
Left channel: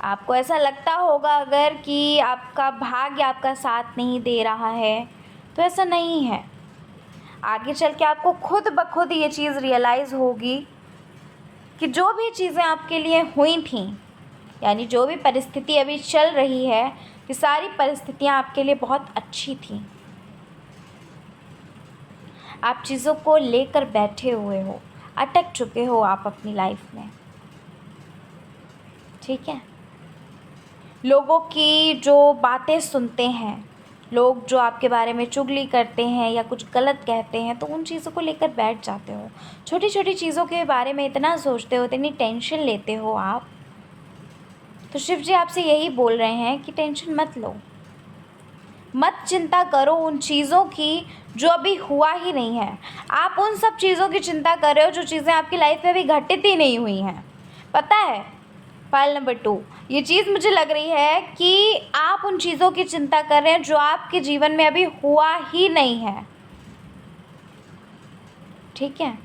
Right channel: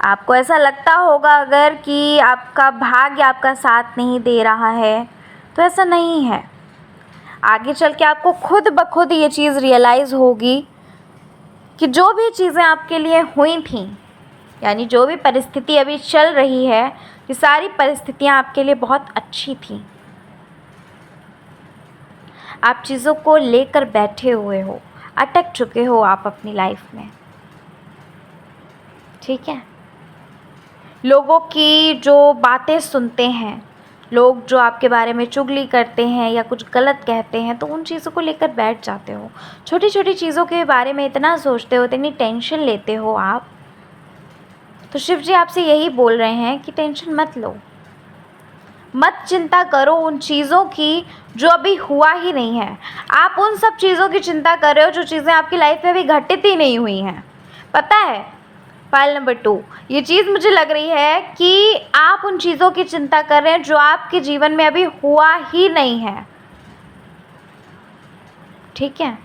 आपको ऐसा लगता होगा अगर कि आपका भाग्य आपका साथ नहीं दे रहा है, तो ऐसा नहीं है। आगे चल के आपको खुद ब खुद ये चीज़ रियलाइज़ होगी कि जो भी चीज़ें आपके लिए हुई थी, यानी जो भी परिस्थिति अभी चल रही है, ये सारी परिस्थितियाँ आपके लिए बहुत अच्छी थी। आप चीज़ों को लेकर बैठे हुए हो, अटक चुके हो आप अपनी लाइफ में। ठीक है, लोगों की जो बातें सुनते हैं, लोग जो आपके बारे में चुगली करते हैं या कुछ गलत कहते हैं, तो उन चीज़ों को लेकर बैठ जाते हो। छोटी छोटी चीज़ों के बारे में इतना सोचते हो, इतनी टेंशन लेते हो आप। तो शिव जी आपसे यही बोल रहे हैं कि टेंशन मत लो, मत चिंता करो उन चीज़ों की जो अभी हुआ ही नहीं है। आप उन सब चीज़ों की चिंता कर रहे हो जो चीज़ें आपकी लाइफ में अभी घटित ही नहीं हुई हैं। पता है फाइल नंबर 2, ये चीज़ मुझे लग रही है कि आप उन चीज़ों की चिंता कर रहे हैं जो आपके जीवन में अभी हुआ ही नहीं है। ठीक है,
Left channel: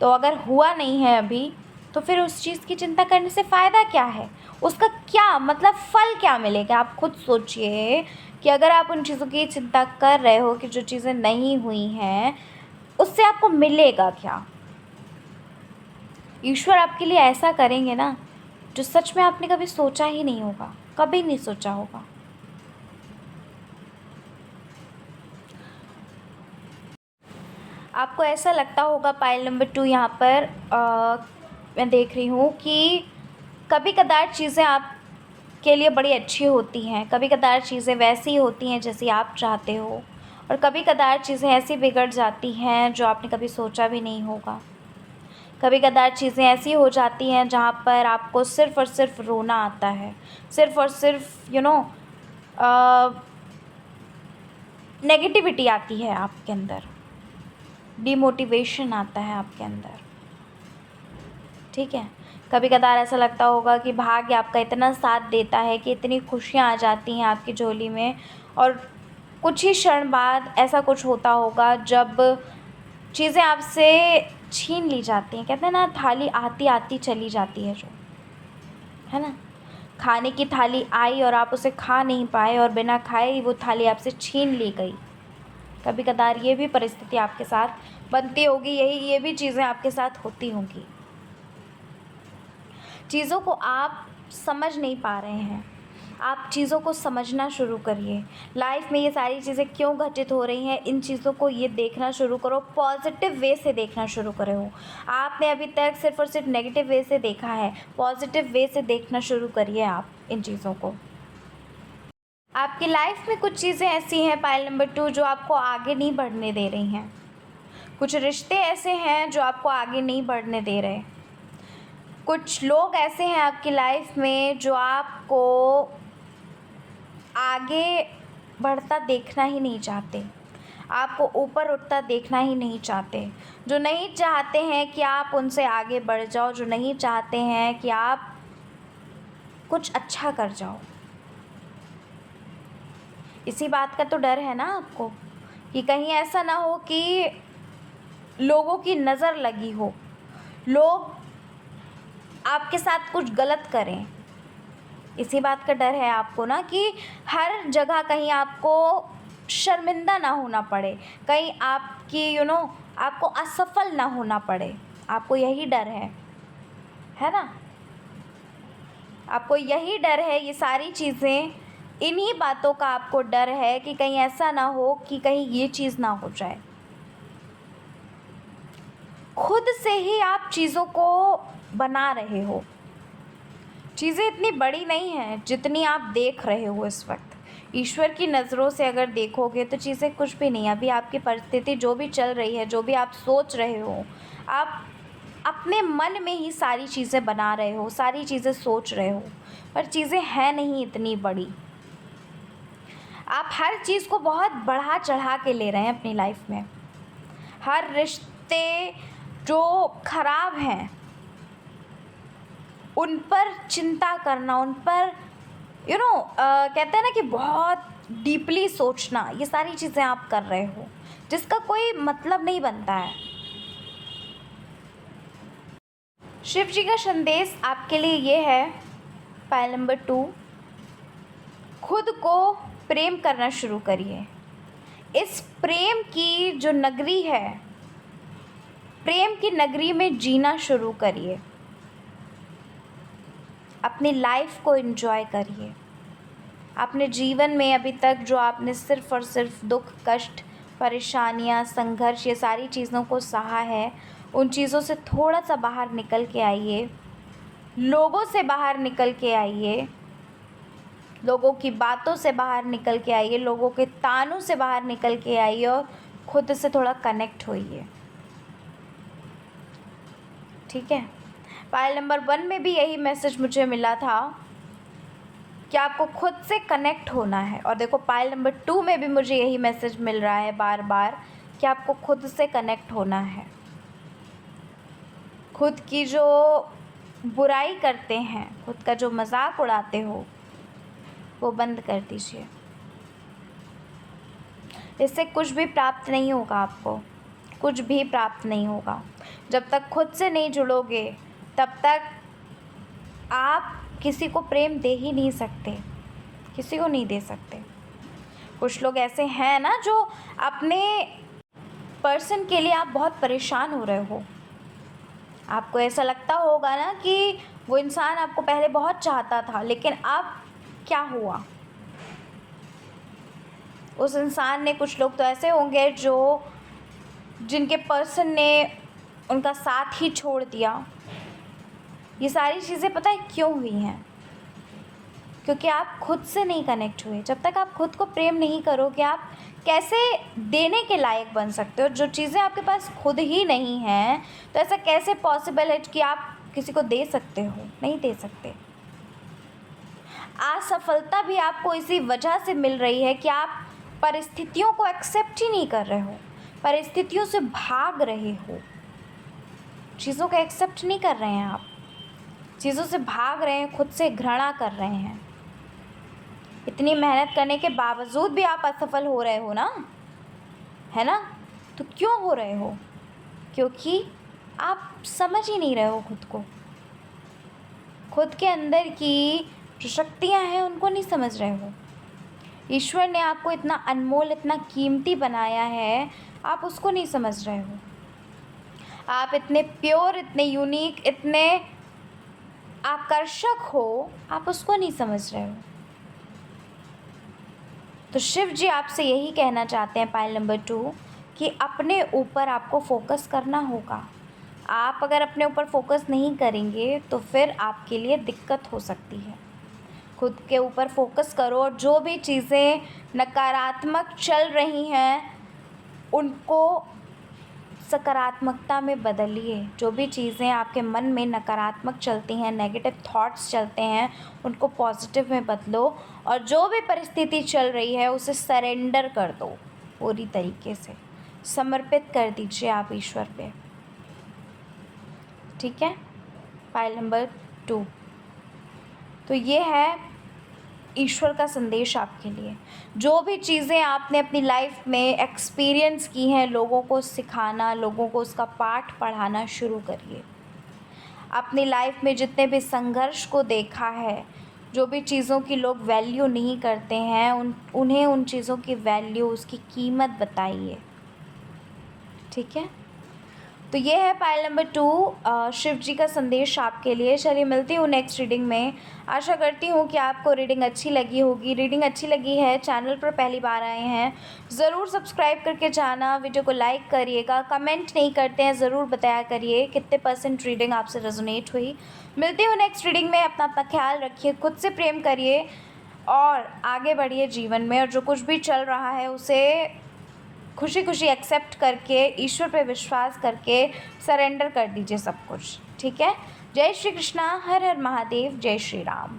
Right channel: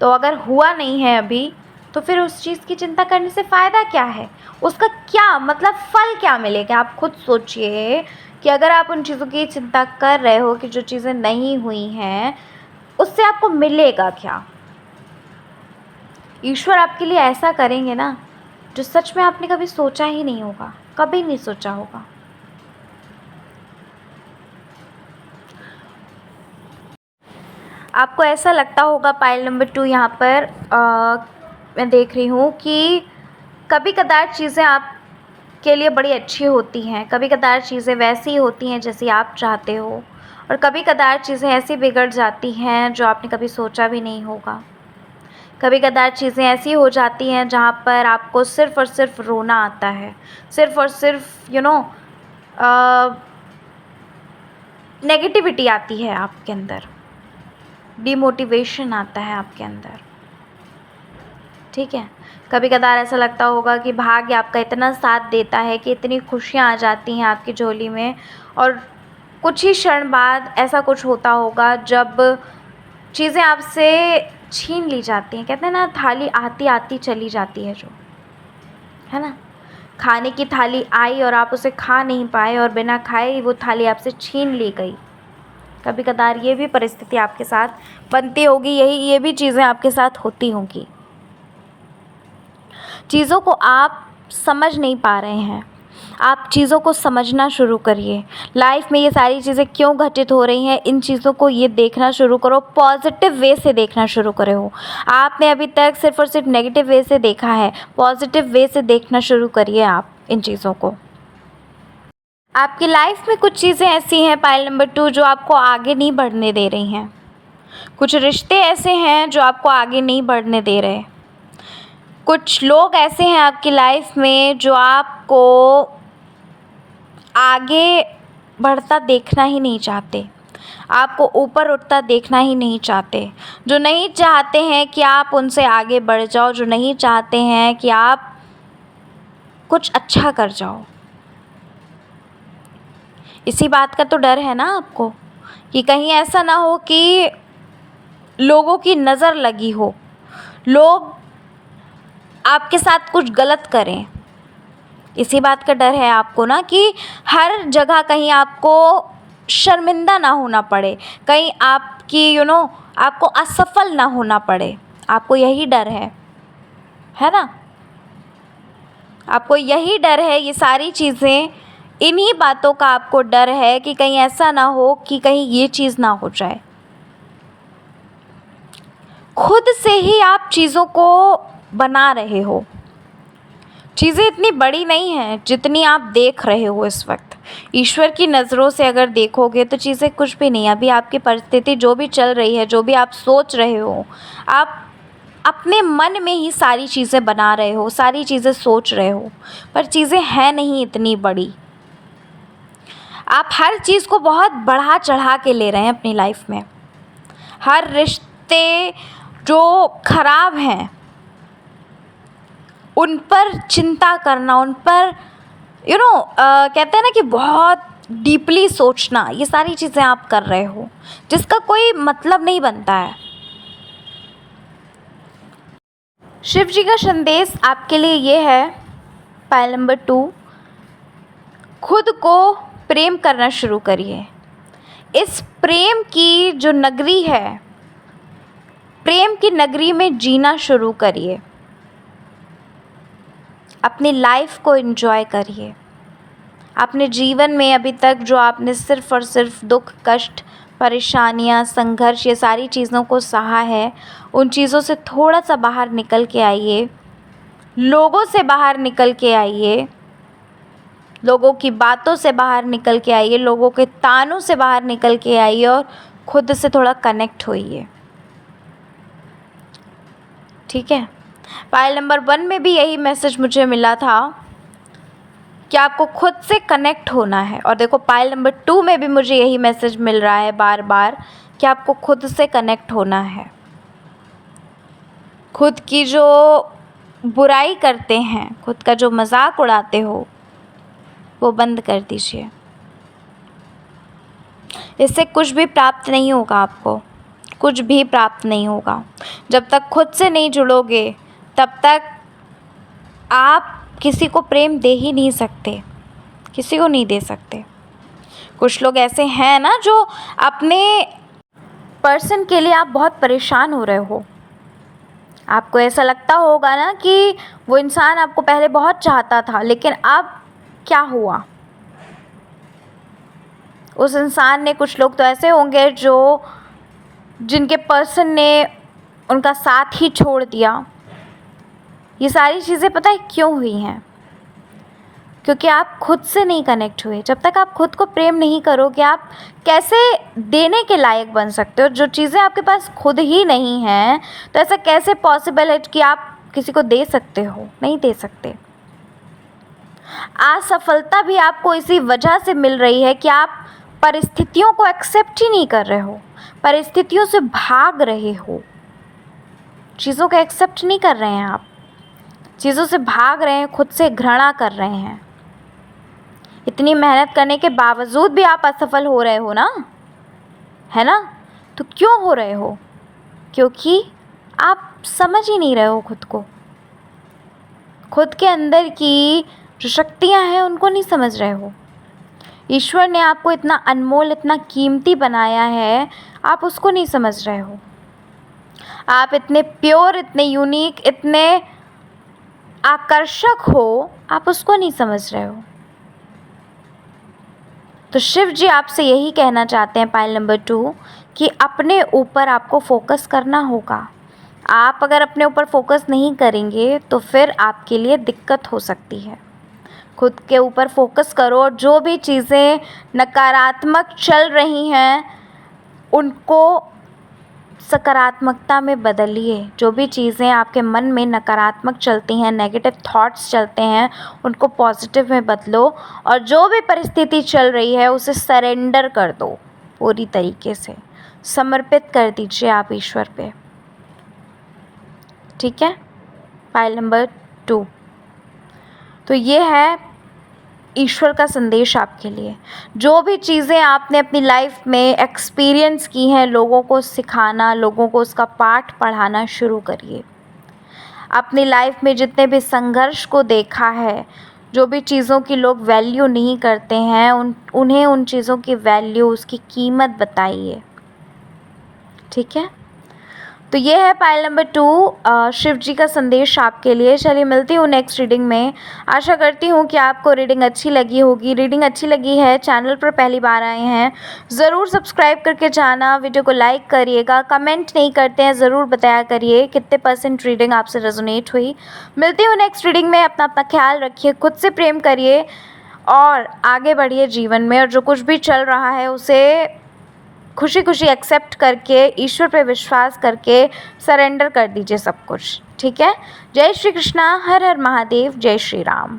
तो अगर हुआ नहीं है अभी, तो फिर उस चीज़ की चिंता करने से फ़ायदा क्या है, उसका क्या मतलब फल क्या मिलेगा। आप खुद सोचिए कि अगर आप उन चीज़ों की चिंता कर रहे हो कि जो चीज़ें नहीं हुई हैं, उससे आपको मिलेगा क्या। ईश्वर आपके लिए ऐसा करेंगे ना जो सच में आपने कभी सोचा ही नहीं होगा, कभी नहीं सोचा होगा। आपको ऐसा लगता होगा पाइल नंबर 2 यहाँ पर मैं देख रही हूँ कि कभी कदार चीज़ें आपके लिए बड़ी अच्छी होती हैं, कभी कदार चीज़ें वैसी होती हैं जैसी आप चाहते हो, और कभी कदार चीज़ें ऐसी बिगड़ जाती हैं जो आपने कभी सोचा भी नहीं होगा। कभी कदार चीज़ें ऐसी हो जाती हैं जहाँ पर आपको सिर्फ़ और सिर्फ रोना आता है, सिर्फ़ और सिर्फ नेगेटिविटी आती है आपके अंदर, डिमोटिवेशन आता है आपके अंदर। ठीक है, कभी कदार ऐसा लगता होगा कि भाग्य आपका इतना साथ देता है कि इतनी खुशियाँ आ जाती हैं आपकी झोली में, और कुछ ही क्षण बाद ऐसा कुछ होता होगा जब चीज़ें आपसे छीन ली जाती हैं। कहते हैं ना, थाली आती आती चली जाती है जो, है ना, खाने की थाली आई और आप उसे खा नहीं पाए और बिना खाए वो थाली आपसे छीन ली गई। कभी कदार ये भी परिस्थिति आपके साथ बनती होगी, ये भी चीज़ें आपके साथ होती होंगी। चीज़ों को आप समझ नहीं पा रहे हैं, आप चीज़ों को समझना शुरू करिए। लाइफ में ये सारी चीज़ें क्यों घटित हो रही हैं, इन चीज़ों को ये देखना शुरू करो, पॉजिटिव वे से देखना शुरू करो। आपने अभी तक सिर्फ और सिर्फ नेगेटिव वे से देखा है, पॉजिटिव वे से देखना शुरू करिए आप इन चीज़ों को। आपकी लाइफ में कुछ चीज़ें ऐसी हैं पाइल नंबर 2 जो आपको आगे नहीं बढ़ने दे रही हैं। कुछ रिश्ते ऐसे हैं जो आपको आगे नहीं बढ़ने दे रहे। कुछ लोग ऐसे हैं आपकी लाइफ में जो आपको आगे बढ़ता देखना ही नहीं चाहते, आपको ऊपर उठता देखना ही नहीं चाहते, जो नहीं चाहते हैं कि आप उनसे आगे बढ़ जाओ, जो नहीं चाहते हैं कि आप कुछ अच्छा कर जाओ। इसी बात का तो डर है ना आपको कि कहीं ऐसा ना हो कि लोगों की नज़र लगी हो, लोग आपके साथ कुछ गलत करें। इसी बात का डर है आपको ना कि हर जगह कहीं आपको शर्मिंदा ना होना पड़े, कहीं आपकी आपको असफल ना होना पड़े। आपको यही डर है ना? आपको यही डर है, ये सारी चीज़ें, इन्हीं बातों का आपको डर है कि कहीं ऐसा ना हो कि कहीं ये चीज़ ना हो जाए। खुद से ही आप चीज़ों को बना रहे हो। चीज़ें इतनी बड़ी नहीं हैं जितनी आप देख रहे हो इस वक्त। ईश्वर की नज़रों से अगर देखोगे तो चीज़ें कुछ भी नहीं। अभी आपकी परिस्थिति जो भी चल रही है, जो भी आप सोच रहे हो, आप अपने मन में ही सारी चीज़ें बना रहे हो, सारी चीज़ें सोच रहे हो, पर चीज़ें हैं नहीं इतनी बड़ी। आप हर चीज़ को बहुत बढ़ा चढ़ा के ले रहे हैं अपनी लाइफ में। हर रिश्ते जो ख़राब हैं उन पर चिंता करना, उन पर कहते हैं ना कि बहुत डीपली सोचना, ये सारी चीज़ें आप कर रहे हो जिसका कोई मतलब नहीं बनता है। शिव जी का संदेश आपके लिए ये है, पायल नंबर 2, खुद को प्रेम करना शुरू करिए। इस प्रेम की जो नगरी है, प्रेम की नगरी में जीना शुरू करिए। अपनी लाइफ को एंजॉय करिए। अपने जीवन में अभी तक जो आपने सिर्फ़ और सिर्फ दुख, कष्ट, परेशानियाँ, संघर्ष, ये सारी चीज़ों को सहा है, उन चीज़ों से थोड़ा सा बाहर निकल के आइए। लोगों से बाहर निकल के आइए, लोगों की बातों से बाहर निकल के आइए, लोगों के तानों से बाहर निकल के आइए और खुद से थोड़ा कनेक्ट होइए। ठीक है? पायल नंबर 1 में भी यही मैसेज मुझे मिला था कि आपको खुद से कनेक्ट होना है, और देखो पायल नंबर 2 में भी मुझे यही मैसेज मिल रहा है बार बार कि आपको खुद से कनेक्ट होना है। खुद की जो बुराई करते हैं, खुद का जो मजाक उड़ाते हो, वो बंद कर दीजिए। इससे कुछ भी प्राप्त नहीं होगा, आपको कुछ भी प्राप्त नहीं होगा। जब तक खुद से नहीं जुड़ोगे तब तक आप किसी को प्रेम दे ही नहीं सकते, किसी को नहीं दे सकते। कुछ लोग ऐसे हैं ना जो अपने पर्सन के लिए आप बहुत परेशान हो रहे हो। आपको ऐसा लगता होगा ना कि वो इंसान आपको पहले बहुत चाहता था, लेकिन अब क्या हुआ उस इंसान ने। कुछ लोग तो ऐसे होंगे जो जिनके पर्सन ने उनका साथ ही छोड़ दिया। ये सारी चीज़ें पता है क्यों हुई हैं? क्योंकि आप खुद से नहीं कनेक्ट हुए। जब तक आप खुद को प्रेम नहीं करोगे, आप कैसे देने के लायक बन सकते हो? जो चीज़ें आपके पास खुद ही नहीं हैं, तो ऐसा कैसे पॉसिबल है कि आप किसी को दे सकते हो? नहीं दे सकते। असफलता भी आपको इसी वजह से मिल रही है कि आप परिस्थितियों को एक्सेप्ट ही नहीं कर रहे हो, परिस्थितियों से भाग रहे हो, चीज़ों को एक्सेप्ट नहीं कर रहे हैं आप, चीज़ों से भाग रहे हैं, खुद से घृणा कर रहे हैं। इतनी मेहनत करने के बावजूद भी आप असफल हो रहे हो ना, है ना? तो क्यों हो रहे हो? क्योंकि आप समझ ही नहीं रहे हो खुद को। खुद के अंदर की जो शक्तियाँ हैं उनको नहीं समझ रहे हो। ईश्वर ने आपको इतना अनमोल, इतना कीमती बनाया है, आप उसको नहीं समझ रहे हो। आप इतने प्योर, इतने यूनिक, इतने आकर्षक हो, आप उसको नहीं समझ रहे हो। तो शिव जी आपसे यही कहना चाहते हैं पायल नंबर 2 कि अपने ऊपर आपको फोकस करना होगा। आप अगर अपने ऊपर फोकस नहीं करेंगे तो फिर आपके लिए दिक्कत हो सकती है। खुद के ऊपर फोकस करो और जो भी चीज़ें नकारात्मक चल रही हैं उनको सकारात्मकता में बदलिए। जो भी चीज़ें आपके मन में नकारात्मक चलती हैं, नेगेटिव थॉट्स चलते हैं, उनको पॉजिटिव में बदलो और जो भी परिस्थिति चल रही है उसे सरेंडर कर दो, पूरी तरीके से समर्पित कर दीजिए आप ईश्वर पे। ठीक है, पाइल नंबर 2। तो ये है ईश्वर का संदेश आपके लिए। जो भी चीज़ें आपने अपनी लाइफ में एक्सपीरियंस की हैं, लोगों को सिखाना, लोगों को उसका पाठ पढ़ाना शुरू करिए। अपनी लाइफ में जितने भी संघर्ष को देखा है, जो भी चीज़ों की लोग वैल्यू नहीं करते हैं, उन्हें उन चीज़ों की वैल्यू, उसकी कीमत बताइए। ठीक है, तो ये है पाइल नंबर 2, शिव जी का संदेश आपके लिए। चलिए मिलती हूँ नेक्स्ट रीडिंग में। आशा करती हूँ कि आपको रीडिंग अच्छी लगी होगी। रीडिंग अच्छी लगी है, चैनल पर पहली बार आए हैं, ज़रूर सब्सक्राइब करके जाना, वीडियो को लाइक करिएगा। कमेंट नहीं करते हैं, ज़रूर बताया करिए कितने % रीडिंग आपसे रेजोनेट हुई। मिलती हूँ नेक्स्ट रीडिंग में। अपना ख्याल रखिए, खुद से प्रेम करिए और आगे बढ़िए जीवन में। और जो कुछ भी चल रहा है उसे खुशी खुशी एक्सेप्ट करके, ईश्वर पे विश्वास करके सरेंडर कर दीजिए सब कुछ। ठीक है, जय श्री कृष्णा, हर हर महादेव, जय श्री राम।